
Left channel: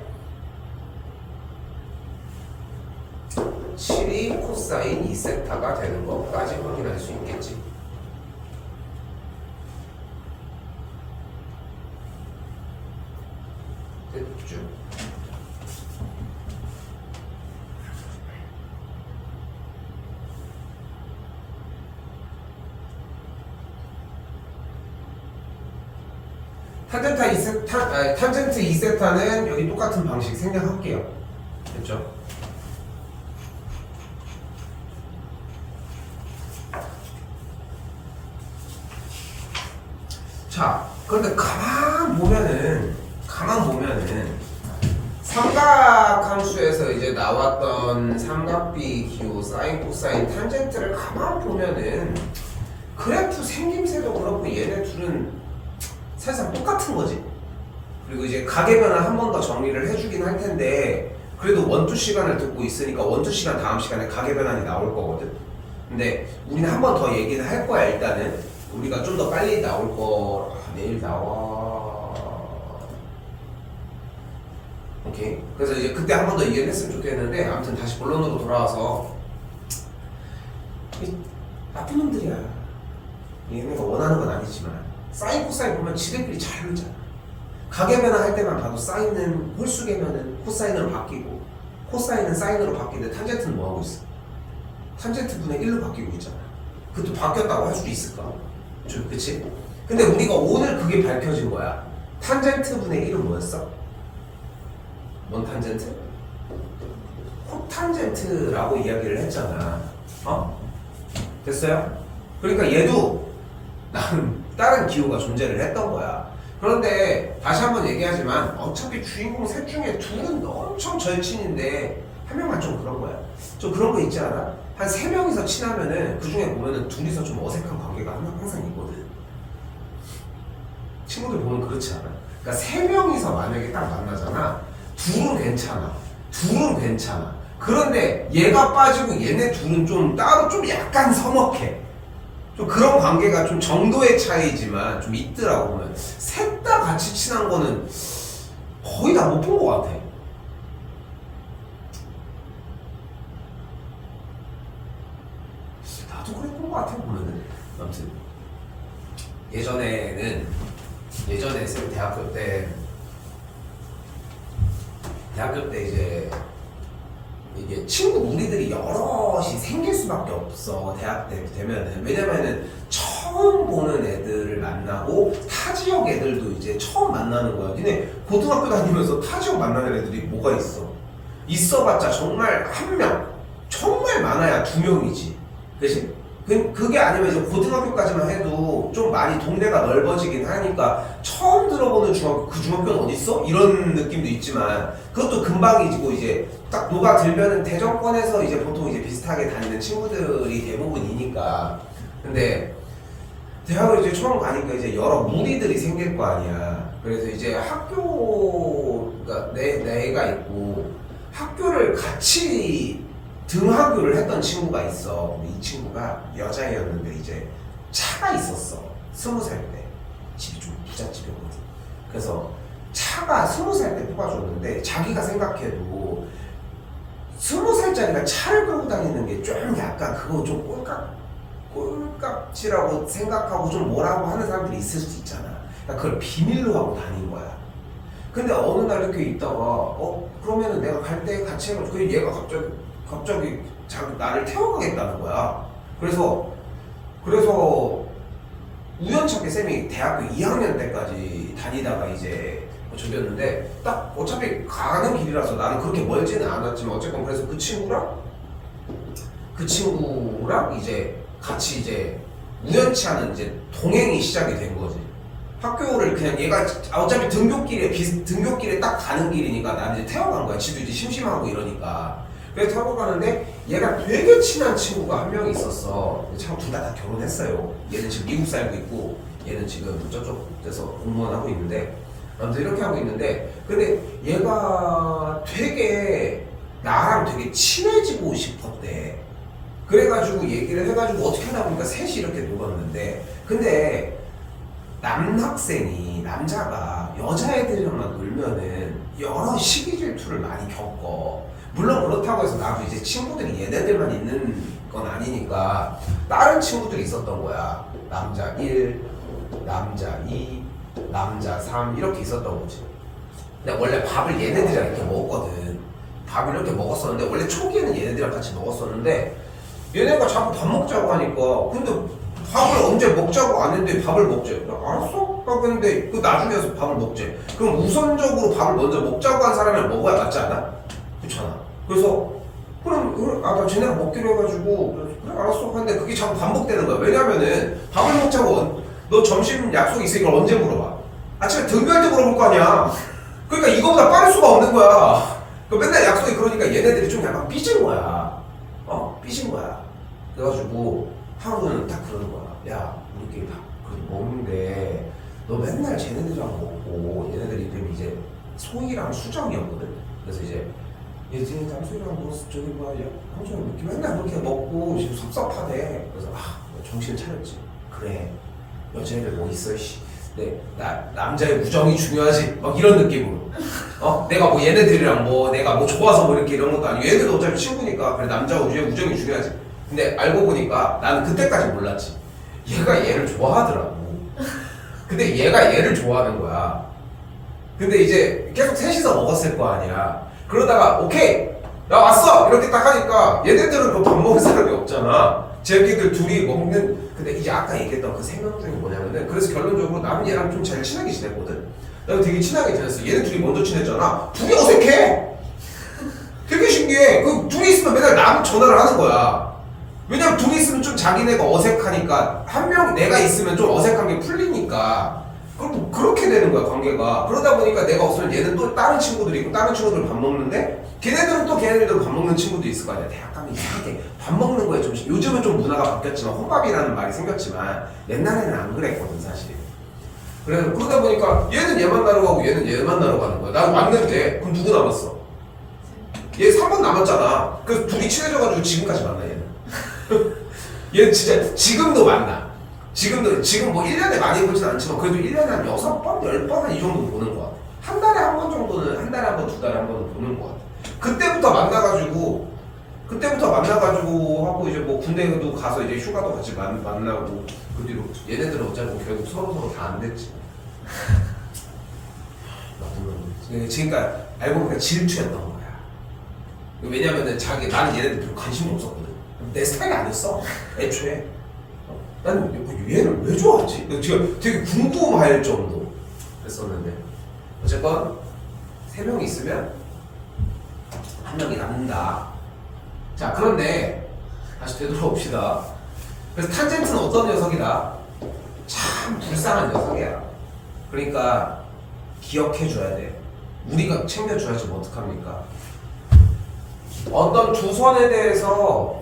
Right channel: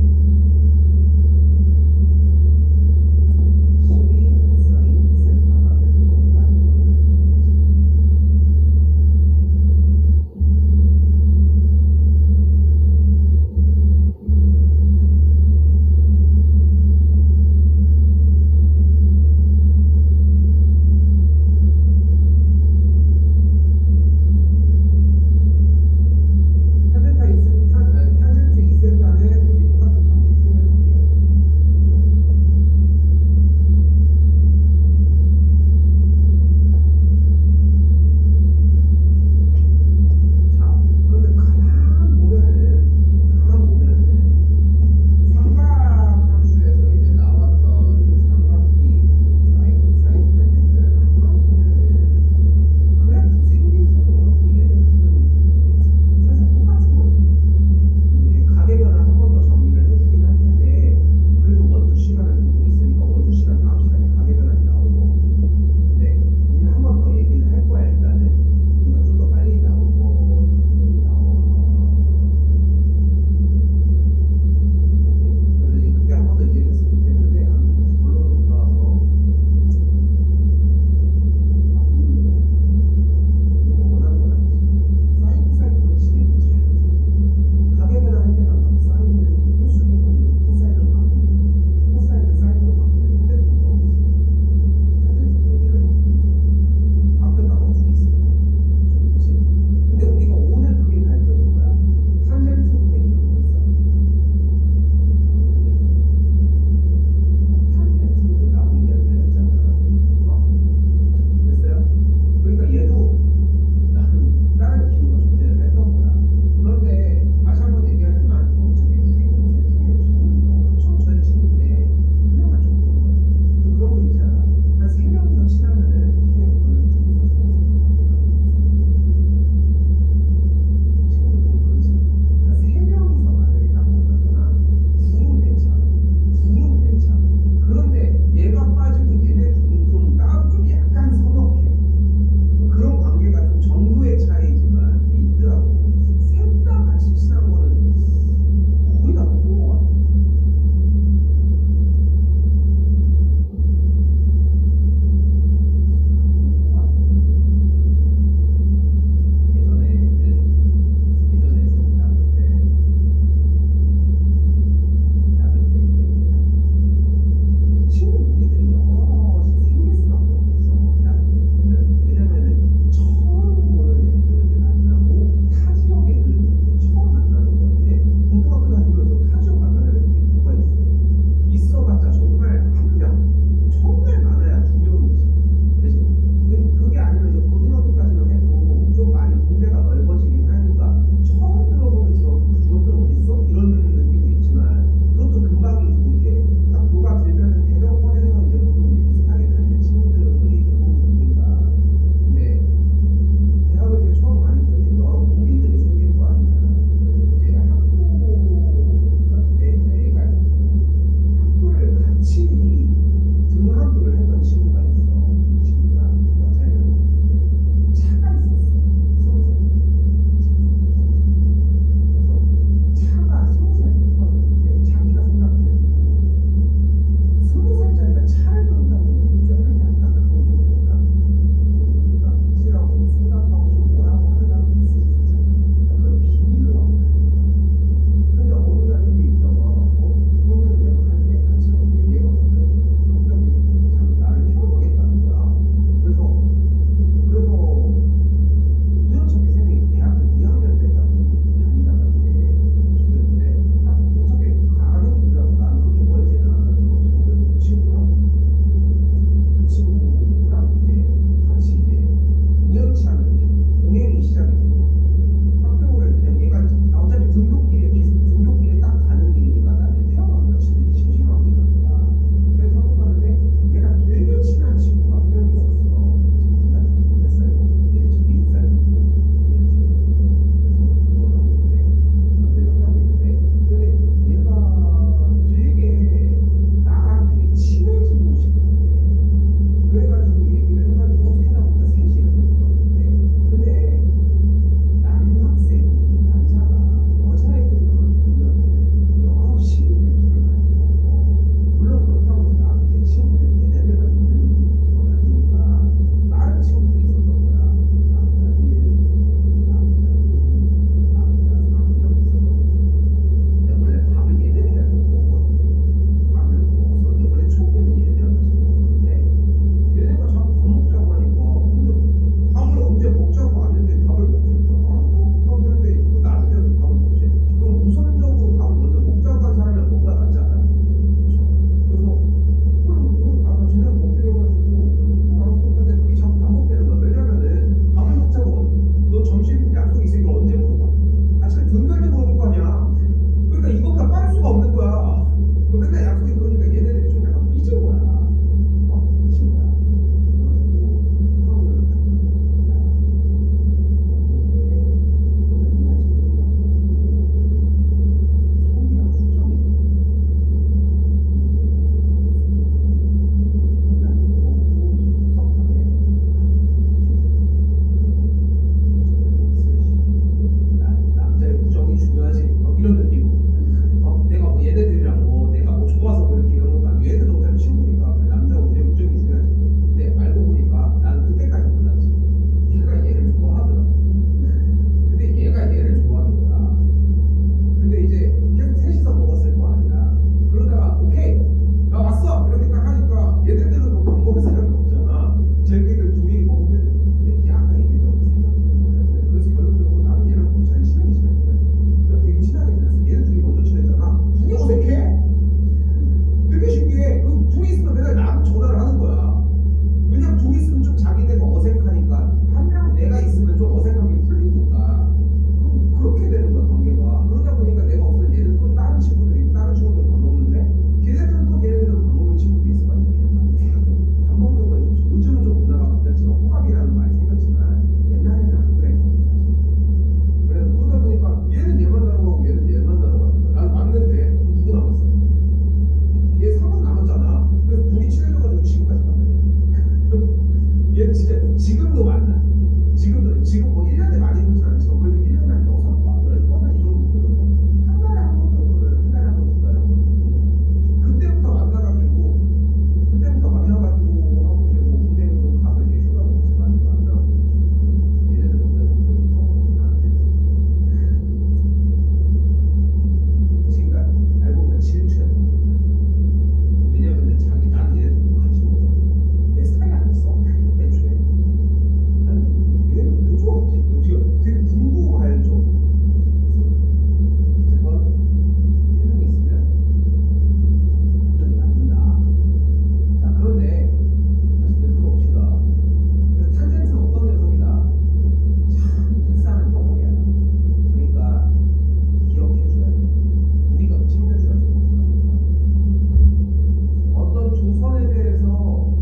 우리가 원투 시간 다음 시간에 가계 변환이 나올 거거든. 근데 우리는 한 번 더 얘기는 할 거야. 일단은 우리가 좀 더 빨리 나올 거. 내일 나와. 오케이. 그래서 이제 그때 한 번 더 얘기를 했으면 좋겠는데, 아무튼 다시 본론으로 돌아와서 나쁜 놈들이야. 얘네가 원하는 건 아니지만 사인 코사인 보면 지들끼리 잘 놀잖아. 가계 변환할 때만 봐도 사인은 홀수계면은 코사인으로 바뀌고, 코사인은 사인으로 바뀌는데 탄젠트는 뭐 하고 있어? 탄젠트 분의 1로 바뀌고 있잖아. 그것도 바뀌었다고 할 수도 있을까? 그치? 근데 우리가 오늘 그게 밝혀진 거야. 탄젠트 분의 1은 뭐였어? 원탄젠트? 코탄젠트라고 이야기를 했잖아. 됐어요? 그러니까 얘도 다른 기호가 존재를 했던 거야. 그런데 다시 한번 얘기하지만 어차피 주인공 셋 중에 둘은 엄청 절친인데 한 명만 좀 그런 거야. 좀 그런 거 있지 않아? 한 3명이서 친하면은 그 중에 보면은 둘이서 좀 어색한 관계가 항상 있거든. 친구들 보면 그렇지 않아? 그러니까 3명이서 만약에 딱 만나잖아. 둘은 괜찮아. 그런데 얘가 빠지고 얘네 둘은 좀 따로 좀 약간 서먹해. 좀 그런 관계가 좀 정도의 차이지만 좀 있더라고 보면. 셋 다 같이 친한 거는 거의 다 못 본 것 같아. 나도 그랬던 것 같아 보면은. 아무튼 예전에 쌤 대학교 때 이제 이게 친구 무리들이 여럿이 생길 수밖에 없어. 대학 때 되면은. 왜냐면은 처음 보는 애들을 만나고 타 지역 애들도 이제 처음 만나는 거야. 근데 고등학교 다니면서 타 지역 만나는 애들이 뭐가 있어봤자 정말 한 명, 정말 많아야 2명이지. 그치? 그게 아니면 이제 고등학교까지만 해도 좀 많이 동네가 넓어지긴 하니까 처음 들어보는 중학교, 그 중학교는 어딨어? 이런 느낌도 있지만 그것도 금방이고 이제 딱 녹아들면은 대전권에서 이제 보통 이제 비슷하게 다니는 친구들이 대부분이니까. 근데 대학을 이제 처음 가니까 이제 여러 무리들이 생길 거 아니야. 그래서 이제 그러니까 내가 있고 학교를 같이 등하교를 했던 친구가 있어. 이 친구가 여자애였는데 이제 차가 있었어. 20살 때. 집이 좀 부잣집이었거든. 그래서 차가 20살 때 뽑아줬는데 자기가 생각해도 20살짜리가 차를 끌고 다니는 게 좀 약간 그거 좀 꼴깍지라고 생각하고 좀 뭐라고 하는 사람들이 있을 수 있잖아. 그러니까 그걸 비밀로 하고 다닌 거야. 근데 어느 날 이렇게 있다가 그러면은 내가 갈 때 같이 해가지고 얘가 갑자기 나를 태워가겠다는 거야. 그래서 우연찮게 쌤이 대학교 2학년 때까지 다니다가 이제 저기였는데 딱 어차피 가는 길이라서 나는 그렇게 멀지는 않았지만 어쨌건 그래서 그 친구랑 이제 같이 이제 우연치 않은 이제 동행이 시작이 된 거지. 학교를 그냥 얘가 어차피 등굣길에 딱 가는 길이니까 나는 이제 태워간 거야. 지도 이제 심심하고 이러니까. 그래서 타고 가는데 얘가 되게 친한 친구가 한 명 있었어. 참 둘 다 결혼했어요. 얘는 지금 미국 살고 있고 얘는 지금 저쪽 데서 공무원 하고 있는데 아무튼 이렇게 하고 있는데 근데 얘가 되게 나랑 되게 친해지고 싶었대. 그래가지고 얘기를 해가지고 어떻게 하다 보니까 셋이 이렇게 놀았는데 근데 남자가 여자애들이랑만 놀면은 여러 시기 질투를 많이 겪어. 물론 그렇다고 해서 나도 이제 친구들이 얘네들만 있는 건 아니니까 다른 친구들이 있었던 거야. 남자 1, 남자 2, 남자 3 이렇게 있었던 거지. 근데 원래 밥을 얘네들이랑 이렇게 먹었거든. 밥을 이렇게 먹었었는데 원래 초기에는 얘네들이랑 같이 먹었었는데 얘네가 자꾸 밥 먹자고 하니까 근데 밥을 언제 먹자고 안 했는데 밥을 먹지. 알았어? 근데 그 나중에 와서 밥을 먹지. 그럼 우선적으로 밥을 먼저 먹자고 한 사람이랑 먹어야 맞지 않아? 그렇잖아. 그래서 그럼 나 쟤네가 먹기로 해가지고 그래, 알았어. 근데 그게 자꾸 반복되는 거야. 왜냐면은 밥을 먹자고 너 점심 약속 있으니까 언제 물어봐? 아침에 등교할 때 물어볼 거 아니야. 그러니까 이거보다 빠를 수가 없는 거야. 맨날 약속이 그러니까 얘네들이 좀 약간 삐진 거야. 삐진 거야. 그래가지고 하루는 딱 그러는 거야. 야, 우리끼리 밥 먹는데 너 맨날 쟤네들이랑 먹고 얘네들이 이제 소희랑 수정이었거든. 그래서 이제 얘들이 소희랑 뭐 저기 봐 이런 느낌으로. 내가 뭐 얘네들이랑 뭐 내가 뭐 좋아서 뭐 이렇게 이런 것도 아니고 얘네들도 어차피 친구니까 그래 남자와 우정이 중요하지. 근데 알고 보니까 나는 그때까지 몰랐지. 얘가 얘를 좋아하더라고. 근데 얘가 얘를 좋아하는 거야. 근데 이제 계속 셋이서 먹었을 거 아니야. 그러다가 오케이 나 왔어 이렇게 딱 하니까 얘네들은 뭐 밥 먹을 사람이 없잖아. 쟤네들 둘이 먹는. 근데 이제 아까 얘기했던 그 세 명 중에 뭐냐면은 그래서 결론적으로 나는 얘랑 좀 잘 친하게 지냈거든. 나도 되게 친하게 지냈어. 얘네 둘이 먼저 친했잖아. 둘이 어색해. 되게 신기해. 그 둘이 있으면 맨날 나 전화를 하는 거야. 왜냐면 둘이 있으면 좀 자기네가 어색하니까 한 명 내가 있으면 좀 어색한 게 풀리니까 그럼 그렇게 되는 거야 관계가. 그러다 보니까 내가 없으면 얘는 또 다른 친구들이 있고 다른 친구들 밥 먹는데 걔네들은 또 걔네들도 밥 먹는 친구도 있을 거 아니야. 대학 가면 이상하게 밥 먹는 거에 좀 요즘은 좀 문화가 바뀌었지만 호밥이라는 말이 생겼지만 옛날에는 안 그랬거든 사실. 그래서 그러다 보니까 얘는 얘 만나러 가고 얘는 얘 만나러 가는 거야. 난 왔는데 그럼 누구 남았어? 얘 3번 남았잖아. 그래서 둘이 친해져가지고 지금까지 만나 얘는. 얘는 진짜 지금도 만나. 지금 뭐 1년에 많이 보진 않지만 그래도 1년에 한 6번, 10번 이 정도 보는 거 같아. 한 달에 한 번 정도는 한 달에 한 번, 두 달에 한 번은 보는 거 같아. 그때부터 만나가지고 하고 이제 뭐 군대도 가서 이제 휴가도 같이 만나고 그 뒤로 얘네들은 어차피 결국 서로 다 안 됐지. 그러니까 알고 보니까 질투였던 거야. 왜냐면은 나는 얘네들 별로 관심이 없었거든. 내 스타일이 아니었어. 애초에. 난 얘를 왜 좋아하지? 되게 궁금할 정도 그랬었는데 어쨌건 3명이 있으면 한 명이 남는다. 자 그런데 다시 되돌아봅시다. 그래서 탄젠트는 어떤 녀석이다? 참 불쌍한 녀석이야. 그러니까 기억해줘야 돼. 우리가 챙겨줘야지 뭐 어떡합니까? 어떤 두 선에 대해서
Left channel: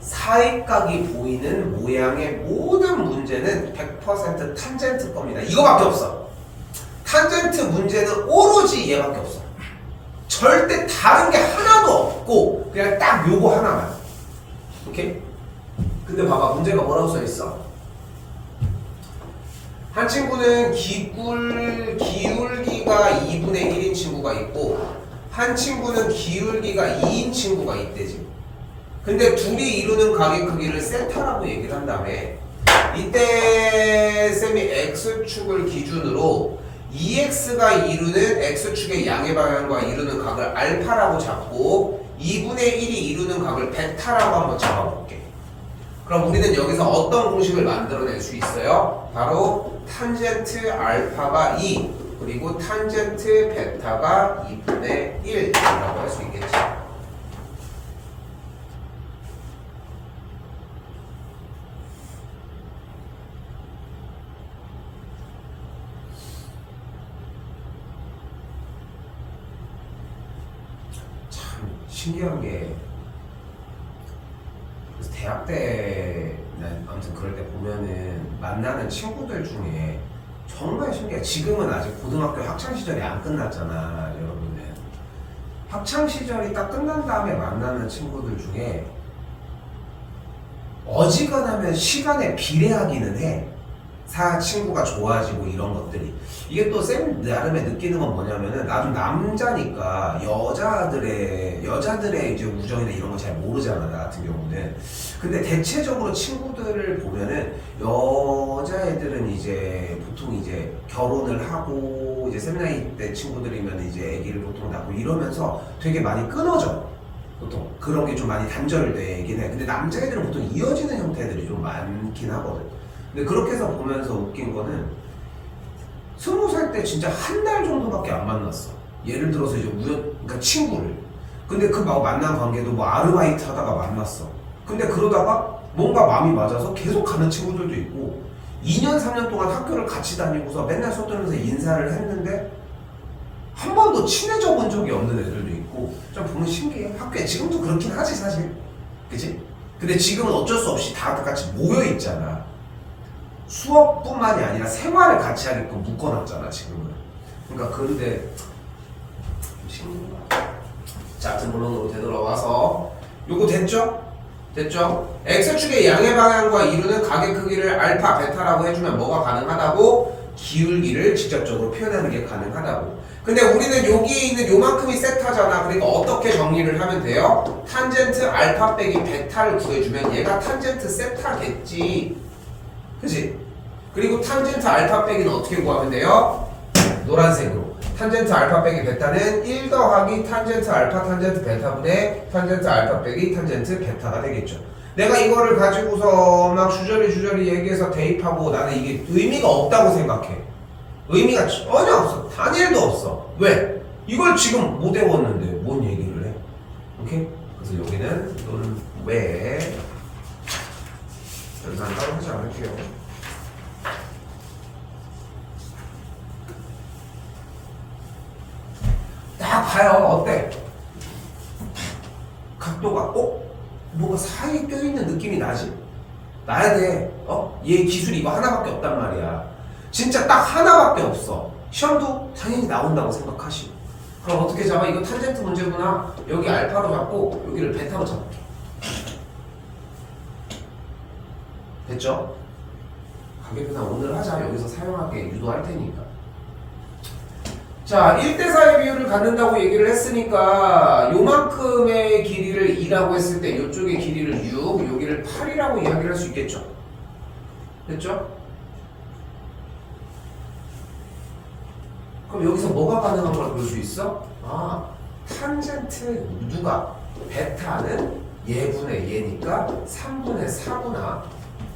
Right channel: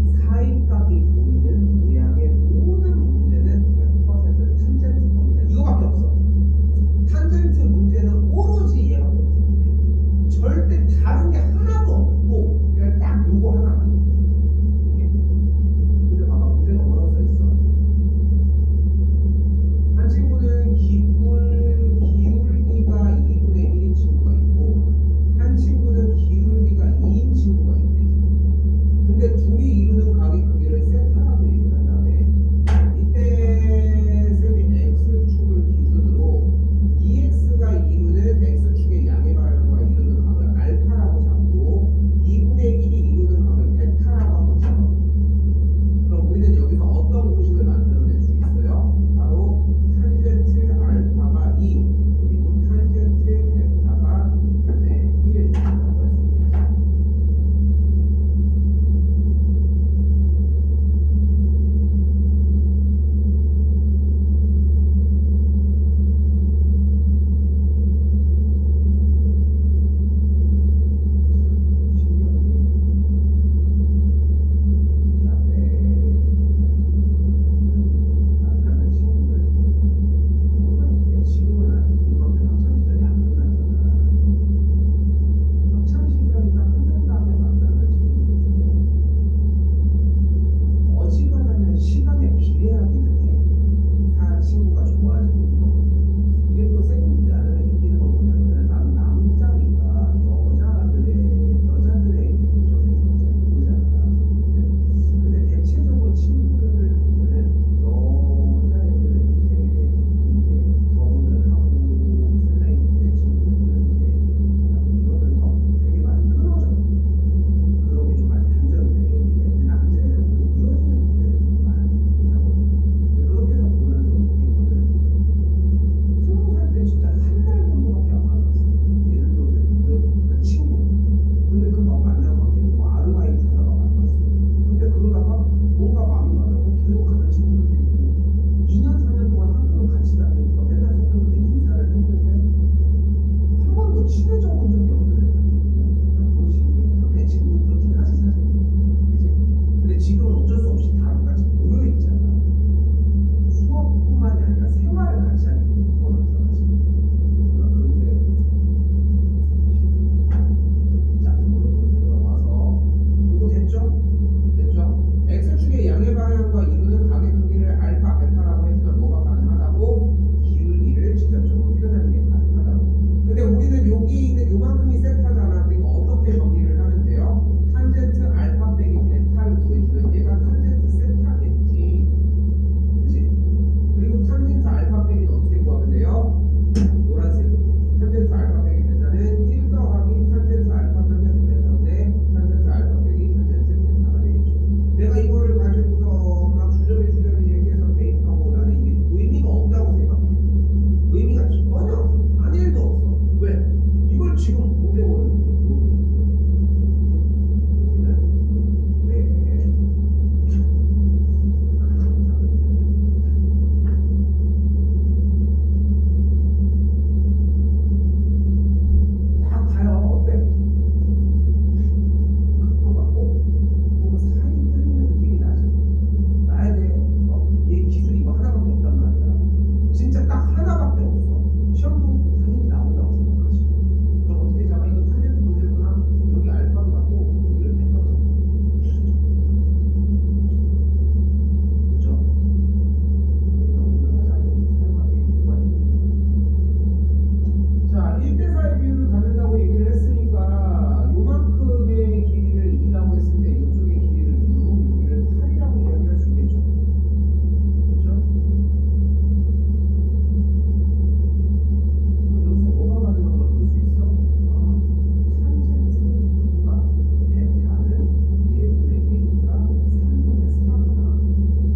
사입각이 보이는 모양의 모든 문제는 100% 탄젠트 겁니다. 이거밖에 없어. 탄젠트 문제는 오로지 얘밖에 없어. 절대 다른 게 하나도 없고 그냥 딱 요거 하나만. 오케이? 근데 봐봐 문제가 뭐라고 써있어? 한 친구는 기울기가 2분의 1인 친구가 있고 한 친구는 기울기가 2인 친구가 있대지. 근데 둘이 이루는 각의 크기를 세타라고 얘기를 한 다음에 이때 쌤이 x축을 기준으로 2x가 이루는 x축의 양의 방향과 이루는 각을 알파라고 잡고 2분의 1이 이루는 각을 베타라고 한번 잡아볼게. 그럼 우리는 여기서 어떤 공식을 만들어낼 수 있어요? 바로 탄젠트 알파가 2 그리고 탄젠트 베타가 2분의 1이라고 할 수 있겠지. 신기한 게 대학 때 아무튼 그럴 때 보면은 만나는 친구들 중에 정말 신기해. 지금은 아직 고등학교 학창 시절이 안 끝났잖아 여러분들. 학창 시절이 딱 끝난 다음에 만나는 친구들 중에 어지간하면 시간에 비례하기는 해. 친구가 좋아지고 이런 것들이. 이게 또 쌤 나름의 느끼는 건 뭐냐면은 나도 남자니까 여자들의 이제 우정이나 이런 거 잘 모르잖아 나 같은 경우는. 근데 대체적으로 친구들을 보면은 여자애들은 이제 보통 이제 결혼을 하고 이제 세미나이 때 친구들이면 이제 애기를 보통 낳고 이러면서 되게 많이 끊어져. 보통 그런 게 좀 많이 단절되긴 해. 근데 남자애들은 보통 이어지는 형태들이 좀 많긴 하거든. 근데 그렇게 해서 보면서 웃긴 거는 20살 때 진짜 한 달 정도밖에 안 만났어. 예를 들어서 이제 그러니까 친구를. 근데 그 만난 관계도 뭐 아르바이트 하다가 만났어. 근데 그러다가 뭔가 마음이 맞아서 계속 가는 친구들도 있고 2년 3년 동안 학교를 같이 다니고서 맨날 수업 들으면서 인사를 했는데 한 번도 친해져 본 적이 없는 애들도 있고 좀 보면 신기해. 학교에 지금도 그렇긴 하지 사실. 그치? 근데 지금은 어쩔 수 없이 다 같이 모여 있잖아. 수업뿐만이 아니라 생활을 같이 하게끔 묶어놨잖아 지금은. 그러니까 그런데 자 본론으로 되돌아와서 요거 됐죠? X축의 양의 방향과 이루는 각의 크기를 알파, 베타라고 해주면 뭐가 가능하다고? 기울기를 직접적으로 표현하는 게 가능하다고. 근데 우리는 여기에 있는 요만큼이 세타잖아. 그러니까 어떻게 정리를 하면 돼요? 탄젠트 알파 빼기 베타를 구해주면 얘가 탄젠트 세타겠지. 그치? 그리고 탄젠트 알파 빼기는 어떻게 구하면 돼요? 노란색으로. 탄젠트 알파 빼기 베타는 1 더하기 탄젠트 알파 탄젠트 베타분의 탄젠트 알파 빼기 탄젠트 베타가 되겠죠. 내가 이거를 가지고서 막 주저리 얘기해서 대입하고 나는 이게 의미가 없다고 생각해. 의미가 전혀 없어. 단일도 없어. 왜? 이걸 지금 못 외웠는데 뭔 얘기를 해? 오케이? 그래서 여기는 너는 왜? 여기서 따로 하지 않을게요. 딱 봐요. 어때? 각도가 뭔가 사이에 껴있는 느낌이 나지? 나야 돼. 얘 기술이 이거 하나밖에 없단 말이야. 진짜 딱 하나밖에 없어. 시험도 당연히 나온다고 생각하시고. 그럼 어떻게 잡아? 이거 탄젠트 문제구나. 여기 알파로 잡고 여기를 베타로 잡을게. 됐죠? 가격이나 오늘 하자. 여기서 사용하게 유도할 테니까. 자, 1대4의 비율을 갖는다고 얘기를 했으니까 요만큼의 길이를 2라고 했을 때 이쪽의 길이를 6, 여기를 8이라고 이야기를 할 수 있겠죠? 됐죠? 그럼 여기서 뭐가 가능한 걸 볼 수 있어? 탄젠트 누가? 베타는 얘분의 얘니까 3분의 4구나.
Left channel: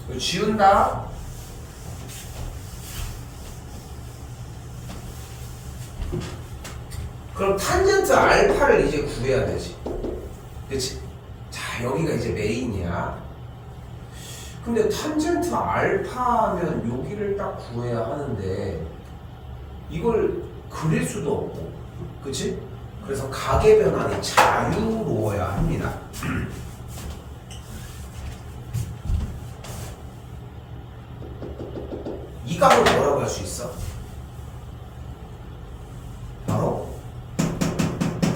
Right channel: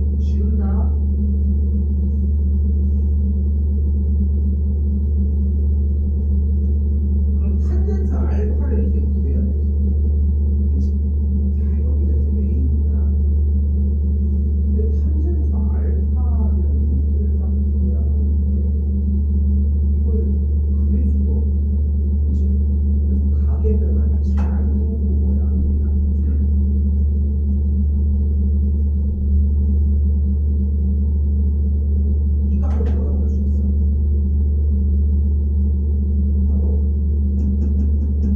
이거 지운다. 그럼 탄젠트 알파를 이제 구해야 되지. 그치? 자, 여기가 이제 메인이야. 근데 탄젠트 알파면 여기를 딱 구해야 하는데 이걸 그릴 수도 없고. 그치? 그래서 가계 변환이 자유로워야 합니다. 이 값을 뭐라고 할 수 있어? 바로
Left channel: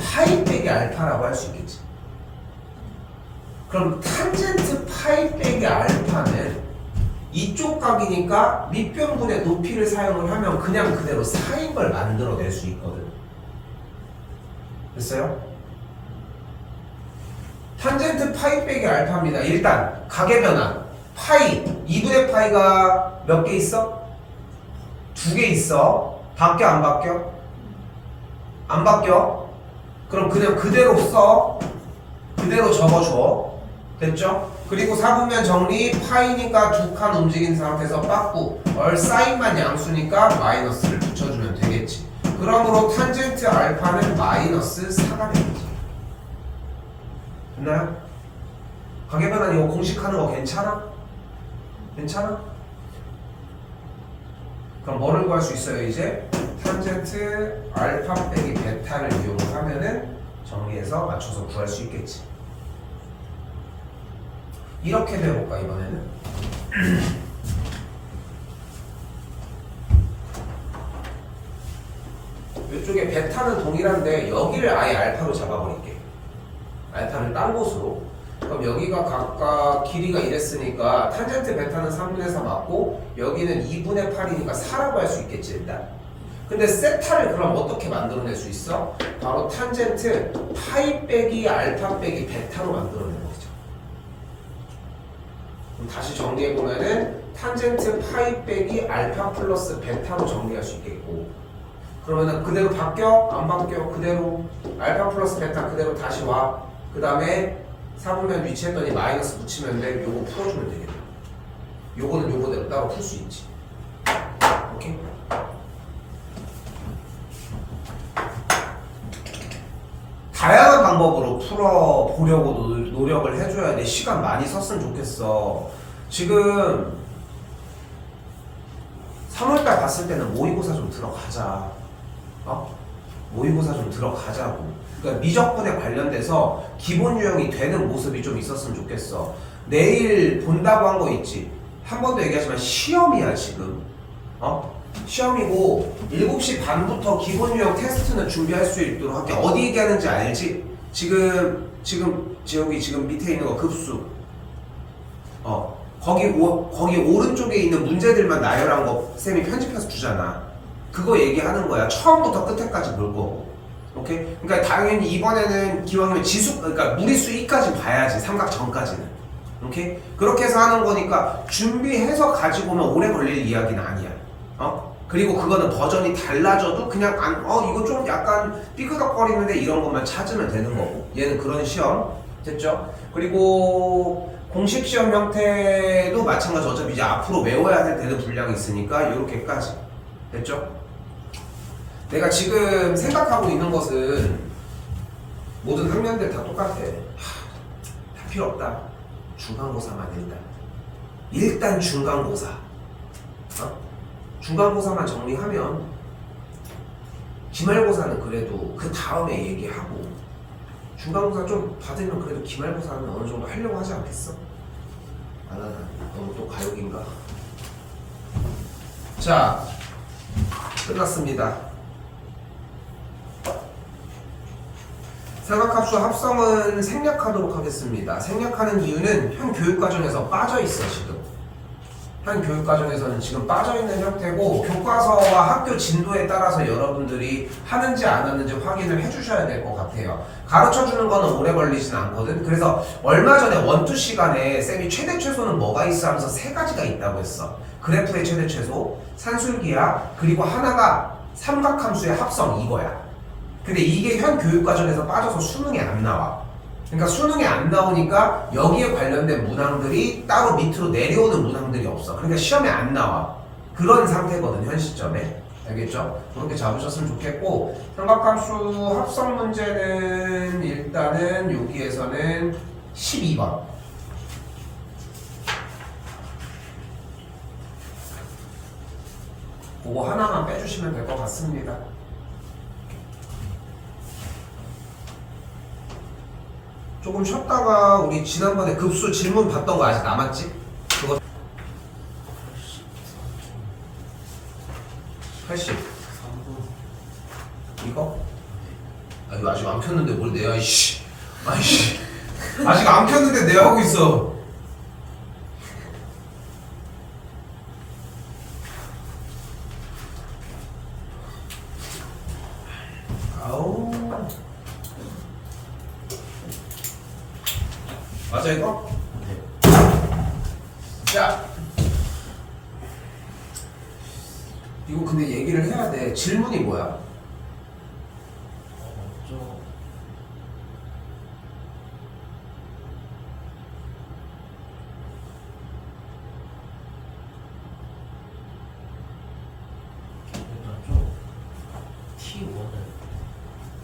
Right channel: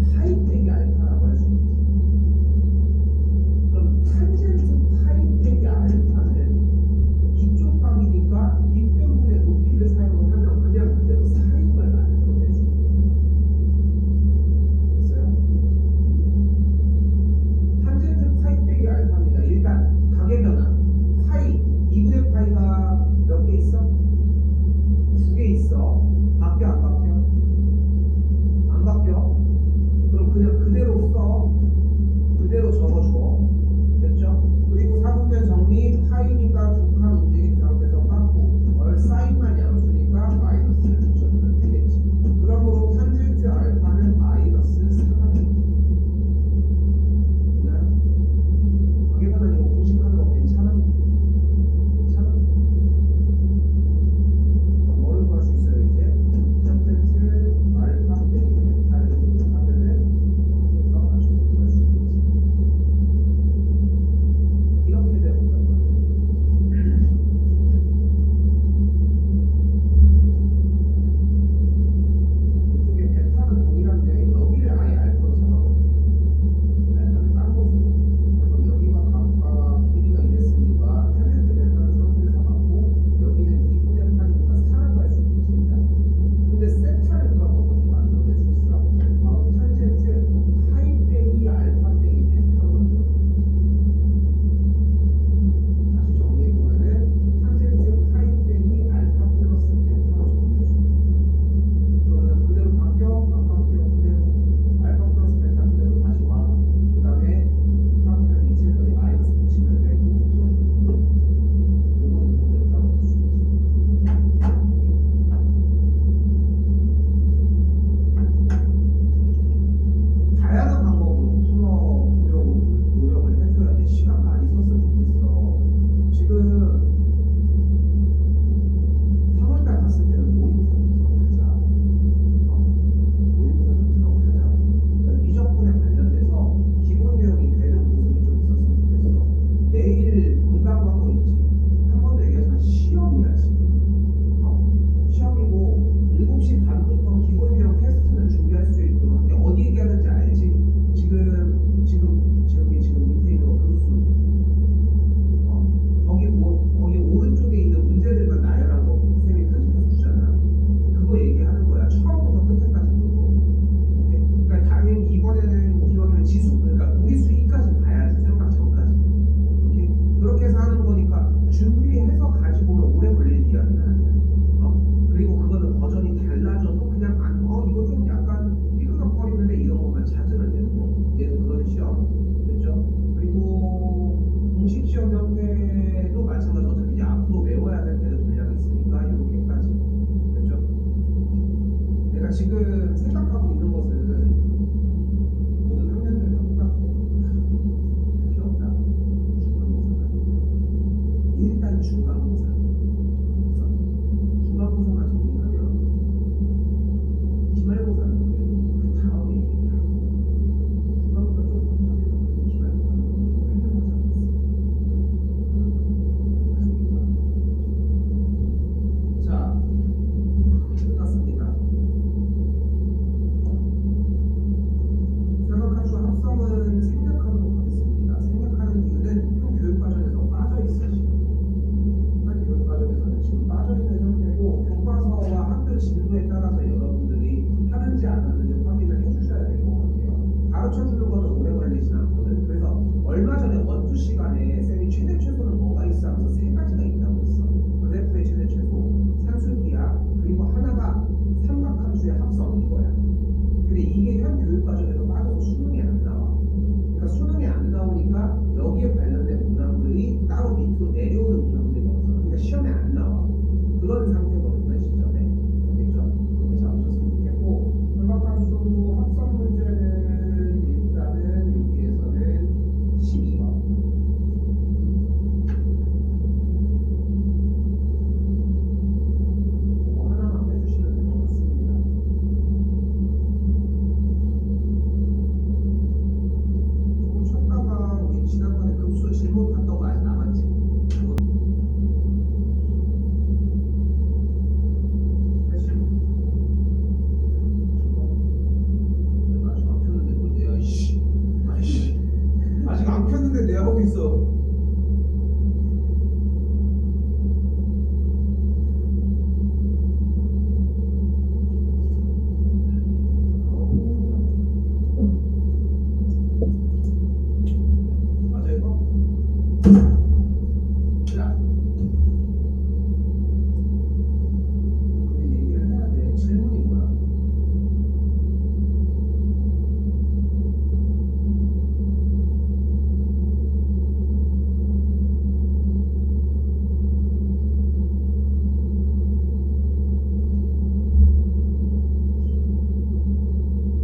파이 빼기 알파라고 할 수 있겠지. 그럼 탄젠트 파이 빼기 알파는 이쪽 각이니까 밑변분의 높이를 사용을 하면 그냥 그대로 4인 걸 만들어낼 수 있거든. 됐어요? 탄젠트 파이 빼기 알파입니다. 일단 가계 변환 파이 2분의 파이가 몇 개 있어? 2개 있어. 바뀌어 안 바뀌어? 안 바뀌어? 그럼 그냥 그대로 써. 그대로 적어줘. 됐죠? 그리고 4분면 정리. 파이니까 두 칸 움직인 상태에서 빠꾸 사인만 양수니까 마이너스를 붙여주면 되겠지. 그러므로 탄젠트 알파는 마이너스 4가 되겠지. 됐나요? 가계 변환 이거 공식하는 거 괜찮아? 괜찮아? 그럼 뭐를 구할 수 있어요 이제? 탄젠트 알파 빼기 베타를 이용하면은 정리해서 맞춰서 구할 수 있겠지. 이렇게 배워볼까 이번에는? 이쪽에 베타는 동일한데 여기를 아예 알파로 잡아버릴게. 알파를 딴 곳으로. 그럼 여기가 각각 길이가 이랬으니까 탄젠트 베타는 3분의 4 맞고 여기는 2분의 8이니까 4라고 할 수 있겠지 일단. 근데 세타를 그럼 어떻게 만들어낼 수 있어? 바로 탄젠트 파이 빼기 알파 빼기 베타로 만들어내는 거죠. 다시 정리해보면은 탄젠트 파이 빼기 알파 플러스 베타로 정리할 수 있겠고, 그러면은 그대로 바뀌어? 안 바뀌어? 그대로 알파 플러스 베타 그대로 다시 와. 그 다음에 4분면 위치했더니 마이너스 붙이면 돼. 요거 풀어주면 되겠다. 요거는 요거대로 따로 풀 수 있지. 오케이. 다양한 방법으로 풀어보려고 노력을 해줘야 돼. 시간 많이 썼으면 좋겠어. 지금 3월달 봤을 때는 모의고사 좀 들어가자. 모의고사 좀 들어가자고. 그러니까 미적분에 관련돼서 기본 유형이 되는 모습이 좀 있었으면 좋겠어. 내일 본다고 한 거 있지? 한 번도 얘기하지만 시험이야 지금. 시험이고 7시 반부터 기본 유형 테스트는 준비할 수 있도록 할게. 어디 얘기하는지 알지? 지금 지금 밑에 있는 거 급수. 거기 오른쪽에 있는 문제들만 나열한 거 쌤이 편집해서 주잖아. 그거 얘기하는 거야. 처음부터 끝에까지 볼 거고. 오케이? 그러니까 당연히 이번에는 기왕이면 그러니까 무리수 2까지 봐야지. 삼각전까지는. 오케이? 그렇게 해서 하는 거니까 준비해서 가지고 오면 오래 걸릴 이야기는 아니야. 그리고 그거는 버전이 달라져도 그냥 이거 좀 약간 삐끗거리는데 이런 것만 찾으면 되는 거고. 얘는 그런 시험. 됐죠? 그리고 공식 시험 형태도 마찬가지. 어차피 이제 앞으로 외워야 될 대도 분량이 있으니까 이렇게까지. 됐죠? 내가 지금 생각하고 있는 것은 모든 학년들 다 똑같아. 다 필요 없다. 중간고사만 일단 중간고사. 중간고사만 정리하면 기말고사는 그래도 그 다음에 얘기하고, 중간고사 좀 받으면 그래도 기말고사는 어느 정도 하려고 하지 않겠어? 너무 또 과욕인가? 자, 끝났습니다. 삼각함수 합성은 생략하도록 하겠습니다. 생략하는 이유는 현 교육과정에서 빠져있어. 지금 한 교육과정에서는 지금 빠져있는 형태고, 교과서와 학교 진도에 따라서 여러분들이 하는지 안 하는지 확인을 해주셔야 될 것 같아요. 가르쳐주는 거는 오래 걸리진 않거든. 그래서 얼마 전에 원투 시간에 쌤이 최대 최소는 뭐가 있어 하면서 3가지가 있다고 했어. 그래프의 최대 최소, 산술기하, 그리고 하나가 삼각함수의 합성, 이거야. 근데 이게 현 교육과정에서 빠져서 수능에 안 나와. 그러니까 수능에 안 나오니까 여기에 관련된 문항들이 따로 밑으로 내려오는 문항들이 없어. 그러니까 시험에 안 나와. 그런 상태거든, 현 시점에. 알겠죠? 그렇게 잡으셨으면 좋겠고, 삼각함수 합성 문제는 일단은 여기에서는 12번. 그거 하나만 빼주시면 될 것 같습니다. 조금 쉬었다가 우리 지난번에 급수 질문 봤던 거 아직 남았지? 그거 80 이거? 나 이거 아직 안 켰는데 뭘 내야 이씨. 아이씨 아직 안 켰는데 내가 하고 있어. 맞아 이거? 자, 이거 근데 얘기를 해야 돼. 질문이 뭐야?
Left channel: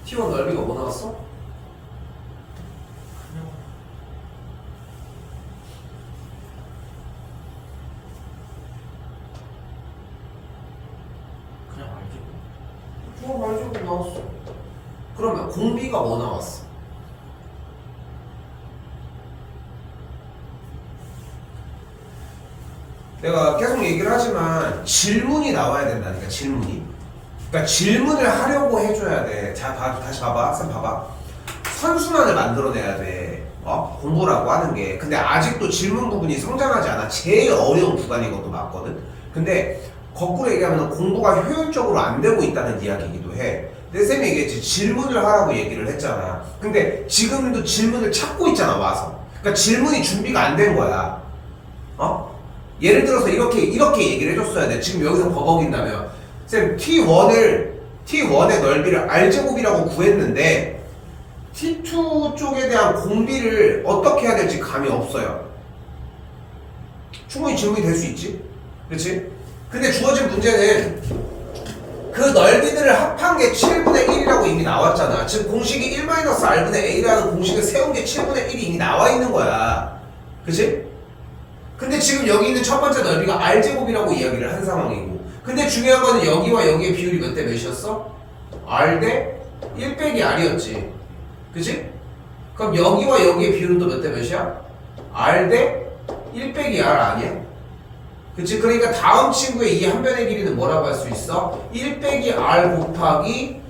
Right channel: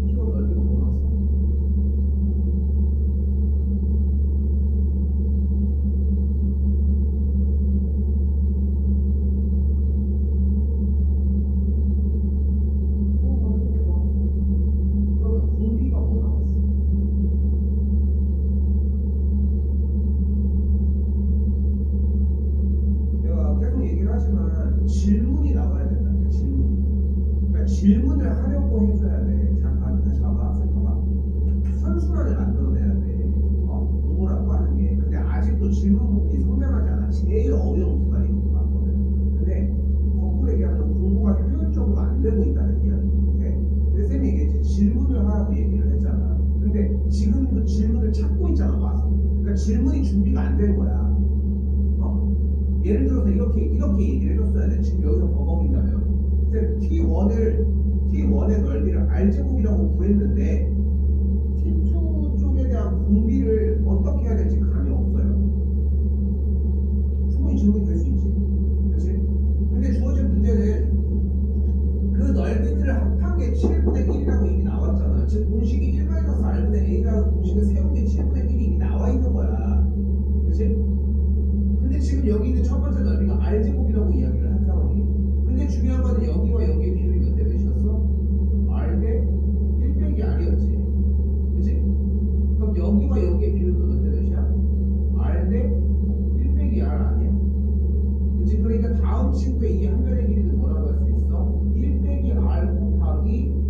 T1 넓이가 뭐 나왔어? 그러면 공비가 뭐 나왔어? 내가 계속 얘기를 하지만 질문이 나와야 된다니까. 질문이. 그러니까 질문을 하려고 해줘야 돼. 자, 다시 봐봐. 쌤 봐봐. 선순환을 만들어내야 돼. 공부라고 하는 게. 근데 아직도 질문 부분이 성장하지 않아. 제일 어려운 구간인 것도 맞거든. 근데 거꾸로 얘기하면 공부가 효율적으로 안 되고 있다는 이야기이기도 해. 근데 쌤이 얘기했지. 질문을 하라고 얘기를 했잖아. 근데 지금도 질문을 찾고 있잖아, 와서. 그러니까 질문이 준비가 안 된 거야. 예를 들어서 이렇게 얘기를 해줬어야 돼. 지금 여기서 버벅인다며. 쌤, T1의 넓이를 R제곱이라고 구했는데 T2 쪽에 대한 공비를 어떻게 해야 될지 감이 없어요. 충분히 질문이 될 수 있지. 그렇지? 근데 주어진 문제는 그 넓이들을 합한 게 7분의 1이라고 이미 나왔잖아. 즉 공식이 1-R분의 A라는 공식을 세운 게 7분의 1이 이미 나와 있는 거야. 그치? 근데 지금 여기 있는 첫 번째 넓이가 R제곱이라고 이야기를 한 상황이고, 근데 중요한 거는 여기와 여기의 비율이 몇 대 몇이었어? R 대 1 빼기 R이었지. 그치? 그럼 여기와 여기의 비율은 또 몇 대 몇이야? R 대 1 빼기 R 아니야? 그치? 그러니까 다음 친구의 이 한 변의 길이는 뭐라고 할 수 있어? 1 빼기 R 곱하기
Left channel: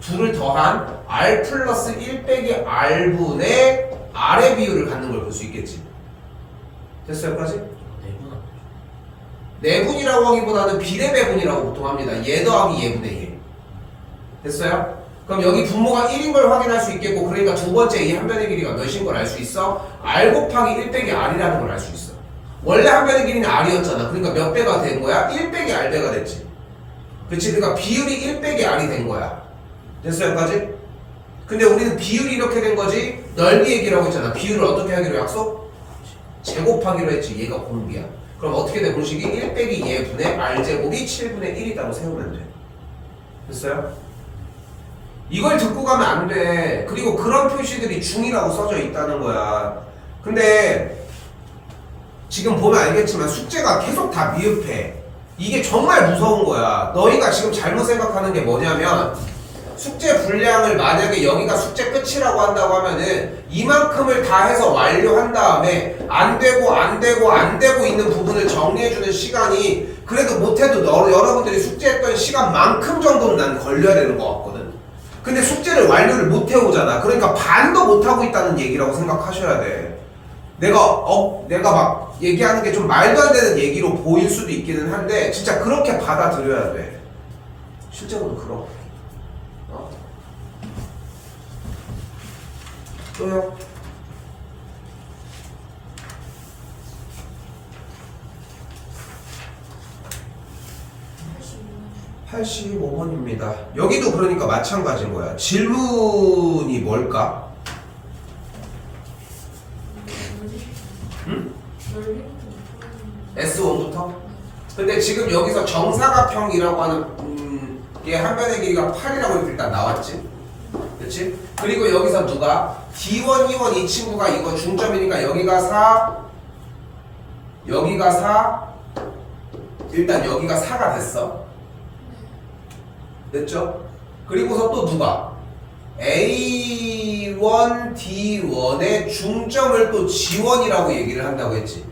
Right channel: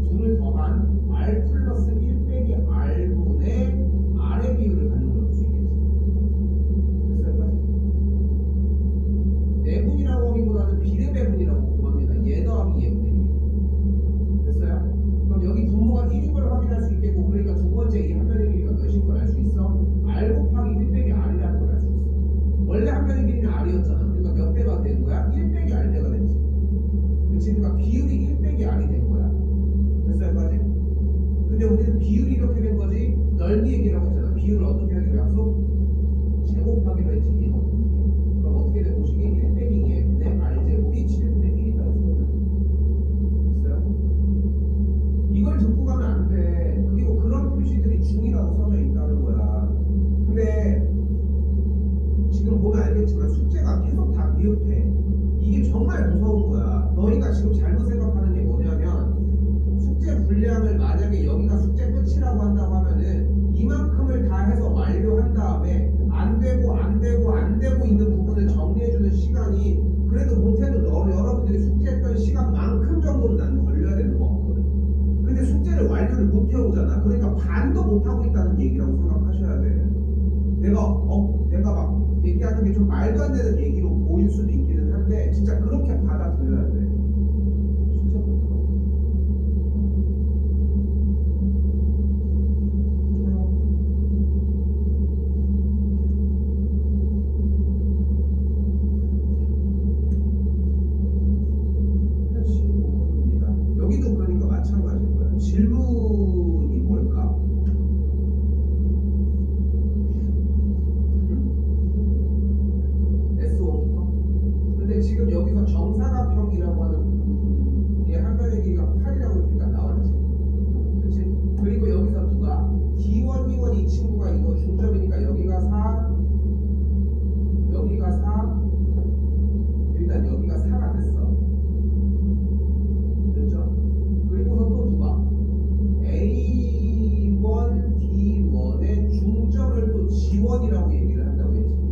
2를 더한 R 플러스 1 빼기 R분의 R의 비율을 갖는 걸 볼 수 있겠지. 됐어요 여기까지? 내분이라고 하기보다는 비례배분이라고 보통 합니다. 얘 더하기 얘분의 얘. 됐어요? 그럼 여기 분모가 1인 걸 확인할 수 있겠고, 그러니까 두 번째 이 한 변의 길이가 몇인 걸 알 수 있어? r 곱하기 1 빼기 r이라는 걸 알 수 있어. 원래 한 변의 길이는 r이었잖아. 그러니까 몇 배가 된 거야? 1 빼기 r배가 됐지. 그치? 그러니까 비율이 1 빼기 r이 된 거야. 됐어요 여기까지? 근데 우리는 비율이 이렇게 된 거지 넓이 얘기라고 했잖아. 비율을 어떻게 하기로 약속? 제곱하기로 했지. 얘가 공비야. 그럼 어떻게 돼? 공식이 1 빼기 얘분의 r제곱이 7분의 1이라고 세우면 돼. 됐어요? 이걸 듣고 가면 안 돼. 그리고 그런 표시들이 중이라고 써져 있다는 거야. 근데 지금 보면 알겠지만 숙제가 계속 다 미흡해. 이게 정말 무서운 거야. 너희가 지금 잘못 생각하는 게 뭐냐면, 숙제 분량을 만약에 여기가 숙제 끝이라고 한다고 하면은 이만큼을 다 해서 완료한 다음에 안 되고 있는 부분을 정리해주는 시간이 그래도 못해도 여러분들이 숙제했던 시간만큼 정도는 난 걸려야 되는 것 같거든. 근데 숙제를 완료를 못 해오잖아. 그러니까 반도 못 하고 있다는 얘기라고 생각하셔야 돼. 내가 막 얘기하는 게 좀 말도 안 되는 얘기로 보일 수도 있기는 한데 진짜 그렇게 받아들여야 돼. 실제로도 그럼. 또요. 85번입니다. 여기도 그러니까 마찬가지인 거야. 질문이 뭘까? S1부터? 근데 지금 여기서 정사각형이라고 하는 게 한 변의 길이가 8이라고 일단 나왔지. 그렇지? 그리고 여기서 누가 D1, E1 이 친구가 이거 중점이니까 여기가 4, 여기가 4, 일단 여기가 4가 됐어. 됐죠? 그리고서 또 누가 A1, D1의 중점을 또 G1이라고 얘기를 한다고 했지.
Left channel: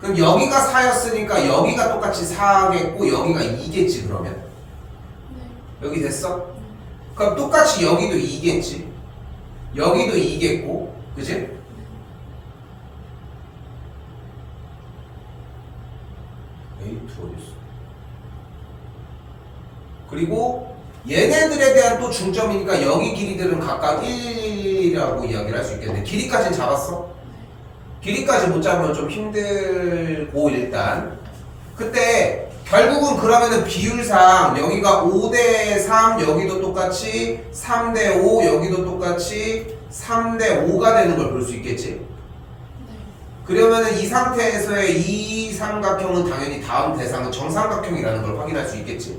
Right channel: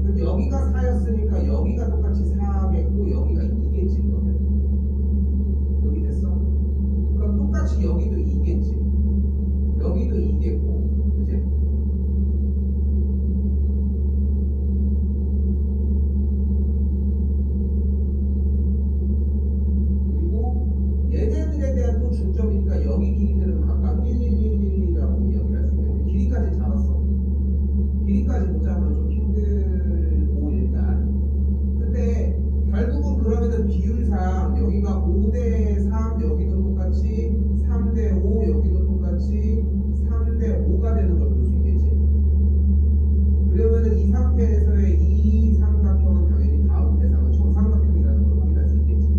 그럼 여기가 4였으니까 여기가 똑같이 4겠고 여기가 2겠지. 그러면 여기 됐어? 그럼 똑같이 여기도 2겠지. 여기도 2겠고, 그지? 그리고 얘네들에 대한 또 중점이니까 여기 길이들은 각각 1이라고 이야기를 할 수 있겠네. 길이까지는 잡았어? 길이까지 못 잡으면 좀 힘들고 일단. 근데 결국은 그러면은 비율상 여기가 5대3 여기도 똑같이 3대5 여기도 똑같이 3대5가 되는 걸 볼 수 있겠지. 그러면은 이 상태에서의 이 삼각형은 당연히 다음 대상은 정삼각형이라는 걸 확인할 수 있겠지.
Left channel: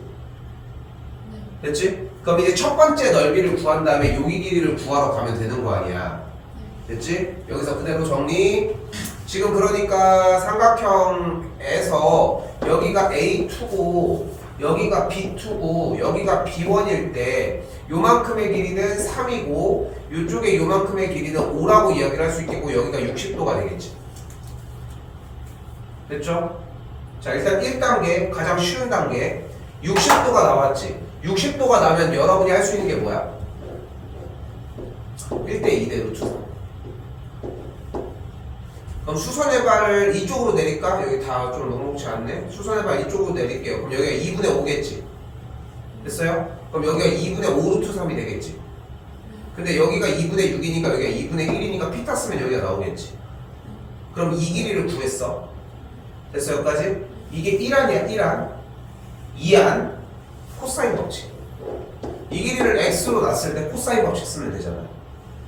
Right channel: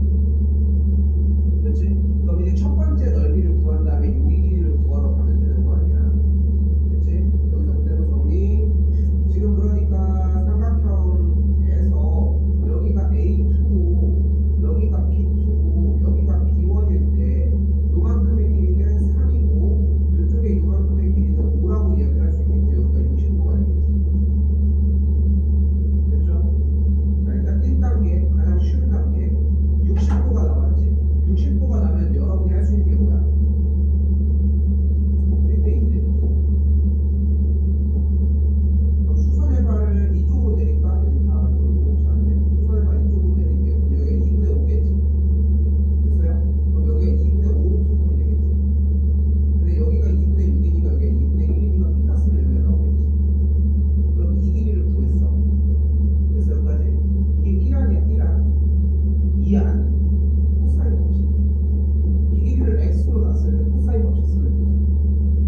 됐지? 그럼 이제 첫 번째 넓이를 구한 다음에 여기 길이를 구하러 가면 되는 거 아니야. 됐지? 여기서 그대로 정리. 지금 그러니까 삼각형에서 여기가 A2고 여기가 B2고 여기가 B1일 때 요만큼의 길이는 3이고 요쪽에 요만큼의 길이는 5라고 이야기를 할 수 있겠고 여기가 60도가 되겠지. 됐죠? 자, 일단 1단계 가장 쉬운 단계 60도가 나왔지. 60도가 나면 여러분이 할 수 있는 게 뭐야? 1대2대로 투. 그럼 수선의 발을 이쪽으로 내릴까? 여기 다 좀 녹록지 않네. 수선의 발 이쪽으로 내릴게요. 그럼 여기가 2분의 5겠지. 됐어요? 그럼 여기가 2분의 5 루트 3이 되겠지. 근데 여기가 2분의 6이니까 여기가 2분의 1이니까 피타 쓰면 여기가 나오겠지. 그럼 이 길이를 구했어. 됐어요? 여기까지? 이게 1안이야 1안 2안 코사인 법칙. 이 길이를 x로 놨을 때 코사인 법칙 쓰면 되잖아.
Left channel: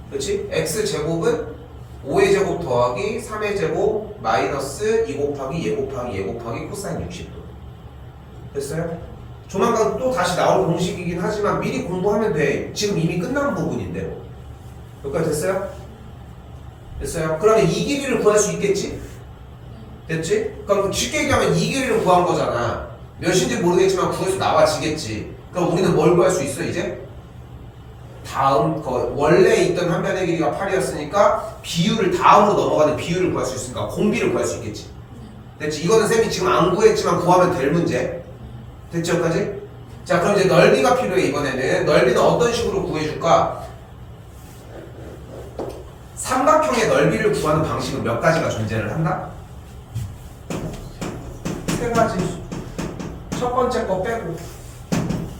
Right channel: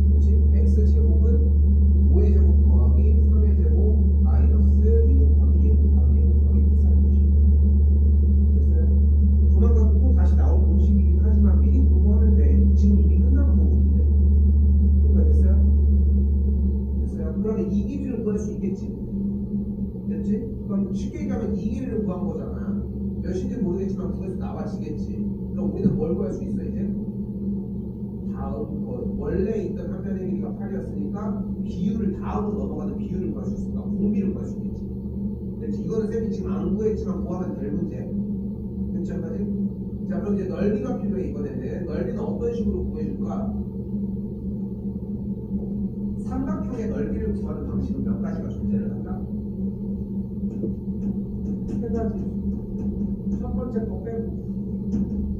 그렇지? x제곱은 5의 제곱 더하기 3의 제곱 마이너스 2 곱하기 얘 곱하기 얘 곱하기 코사인 60도. 됐어요? 조만간 또 다시 나올 공식이긴 하지만 미리 공부하면 돼. 지금 이미 끝난 부분인데. 여기까지 됐어요? 됐어요? 그러면 이 길이를 구할 수 있겠지? 됐지? 그럼 쉽게 얘기하면 이 길이를 구한 거잖아. 몇인지 모르겠지만 구해서 나와지겠지. 그럼 우리는 뭘 구할 수 있어 이제? 다음 원래 있던 한 변의 길이가 8이었으니까 비율을 다음으로 넘어가는 비율을 구할 수 있으니까 공비를 구할 수 있겠지. 됐지? 이거는 쌤이 지금 안 구했지만 구하면 될 문제. 됐죠? 여기까지? 자, 그럼 이제 넓이가 필요해. 이번에는 넓이는 어떤 식으로 구해줄까? 삼각형의 넓이를 구하는 방식은 몇 가지가 존재를 한다? 세 가지. 첫 번째 거 빼고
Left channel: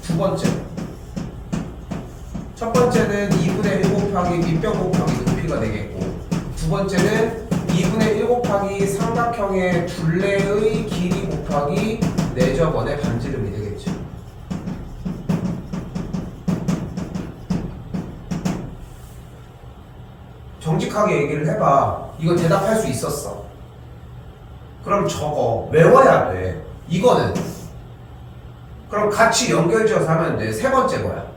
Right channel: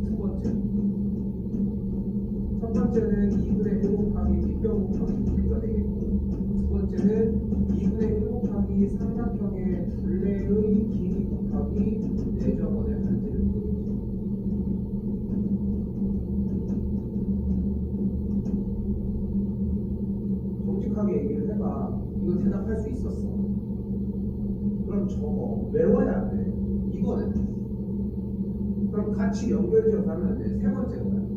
두 번째. 첫 번째는 2분의 1 곱하기 밑변 곱하기 높이가 되겠고, 두 번째는 2분의 1 곱하기 삼각형의 둘레의 길이 곱하기 4저번의 반지름이 되겠죠. 정직하게 얘기를 해봐. 이거 대답할 수 있었어. 그럼 저거 외워야 돼. 이거는 그럼 같이 연결지어서 하면 돼. 세 번째 거야.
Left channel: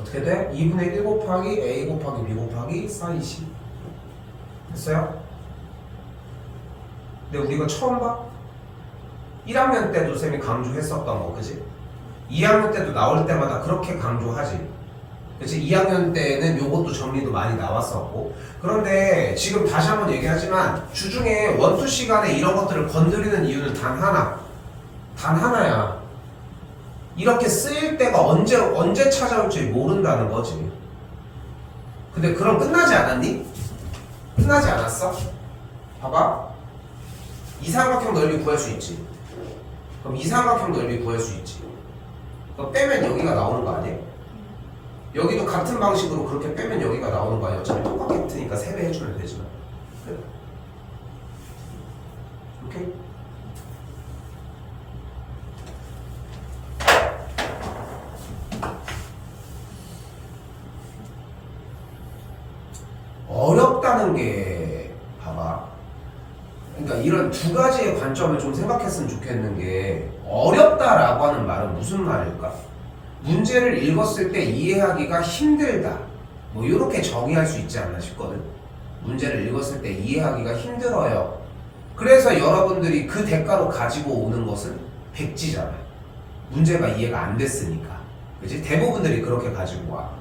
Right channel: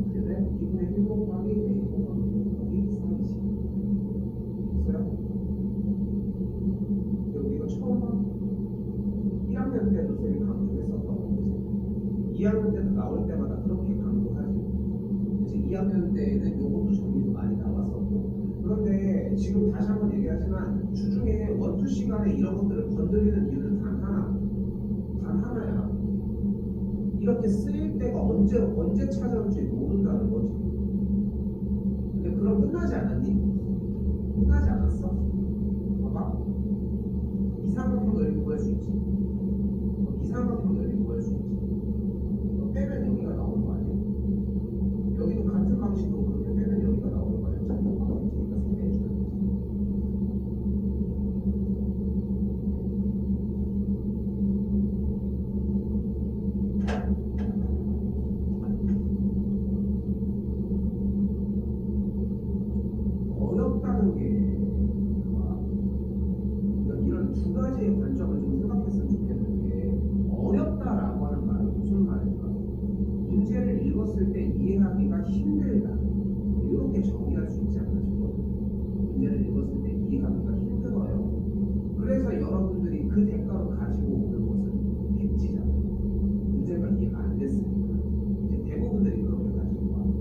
어떻게 돼? 2분의 1 곱하기 a 곱하기 b 곱하기 사이시. 됐어요? 근데 우리가 처음 봐? 1학년 때도 쌤이 강조했었던 거, 그지? 2학년 때도 나올 때마다 그렇게 강조하지. 그치? 2학년 때는 요것도 정리도 많이 나왔었고. 그런데 지금 다시 한번 얘기하지만 주중에 원투 시간에 이런 것들을 건드리는 이유는 단 하나. 단 하나야. 이렇게 쓰일 때가 언제 찾아올지 모른다는 거지. 근데 그럼 끝나지 않았니? 끝나지 않았어? 봐봐. 이삼각형 넓이 구할 수 있지. 그럼 이삼각형 넓이 구할 수 있지. 그럼 빼면 여기가 나오는 거 아니야? 여기도 같은 방식으로 그렇게 빼면 여기가 나오는 거 아니야? 어차피 똑같으니까 3배 해주면 되지. 그래. 오케이? 어렵다는 게 봐봐. 그러니까 이런 두 가지의 관점을 좀 생각했으면 좋겠는 게, 어렵다라고 하는 말은 무슨 말일까? 문제를 읽었을 때 이해하기가 힘들다. 뭐 이렇게 정의할 수 있지 않나 싶거든. 문제를 읽었을 때 이해하기가 힘들어요. 그래서 여러분들이 그 대가로 가지고 오는 것은 백지잖아요. 문제가 이해가 안 됐으니까. 그치? 대부분들이 그렇게 가지고 와.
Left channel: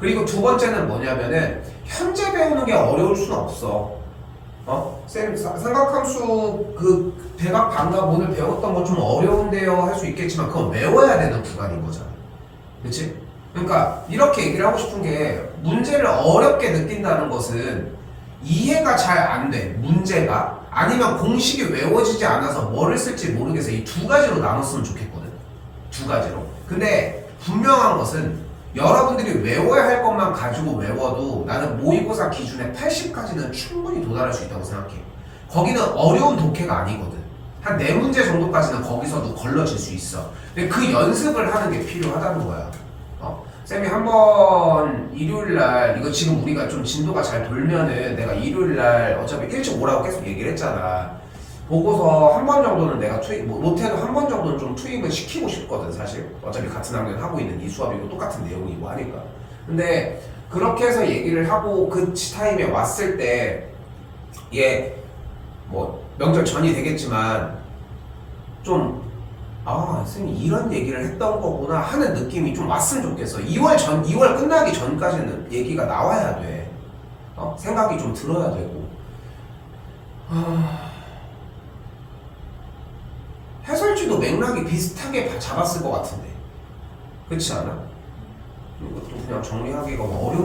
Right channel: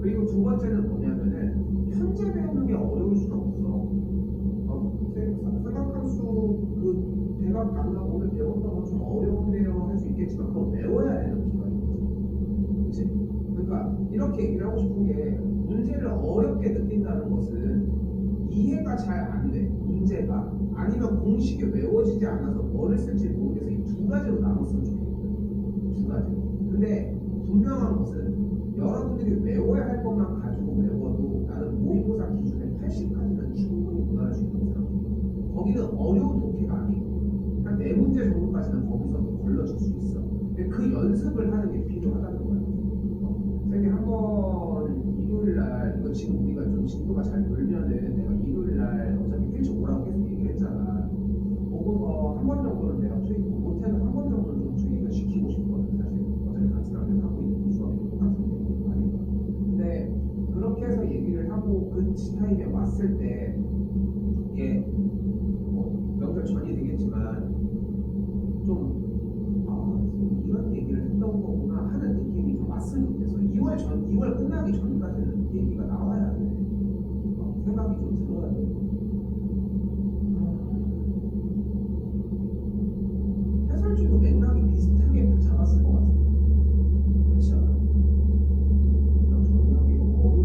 그리고 두 번째는 뭐냐면은 현재 배우는 게 어려울 수는 없어. 쌤 삼각함수 그 대각 반각 오늘 배웠던 거 좀 어려운데요 할 수 있겠지만 그건 외워야 되는 구간인 거잖아. 그치? 그러니까 이렇게 얘기를 하고 싶은 게, 문제를 어렵게 느낀다는 것은 이해가 잘 안 돼. 문제가 아니면 공식이 외워지지 않아서 뭐를 쓸지 모르겠어. 이 두 가지로 나눴으면 좋겠거든. 두 가지로. 근데 분명한 것은 여러분들이 외워야 할 것만 가지고 외워도 나는 모의고사 기준에 80까지는 충분히 도달할 수 있다고 생각해. 거기는 어려운 독해가 아니거든. 한 4문제 정도까지는 거기서도 걸러질 수 있어. 근데 그 연습을 하는 게 필요하다는 거야. 쌤이 한번 일요일날, 이거 지금 우리가 좀 진도가 잘 돌면은 내가 일요일날 어차피 일찍 오라고 계속 얘기를 했잖아. 보고서 한 번 정도는 내가 투입, 못해도 한 번 정도는 좀 투입을 시키고 싶거든 사실. 어차피 같은 학년 하고 있는 이 수업이고 똑같은 내용이고 하니까. 근데 그렇게 해서 얘기를 하고 그 타임에 왔을 때, 얘 뭐 명절 전이 되겠지만 좀 선생님 이런 얘기를 했던 거구나 하는 느낌이 좀 왔으면 좋겠어. 2월 끝나기 전까지는 얘기가 나와야 돼. 생각이 좀 들어야 되고. 해설지도 맥락이 비슷하게 잡았을 것 같은데. 그렇지 않아? 이것도 그냥 정리하기가 어려워.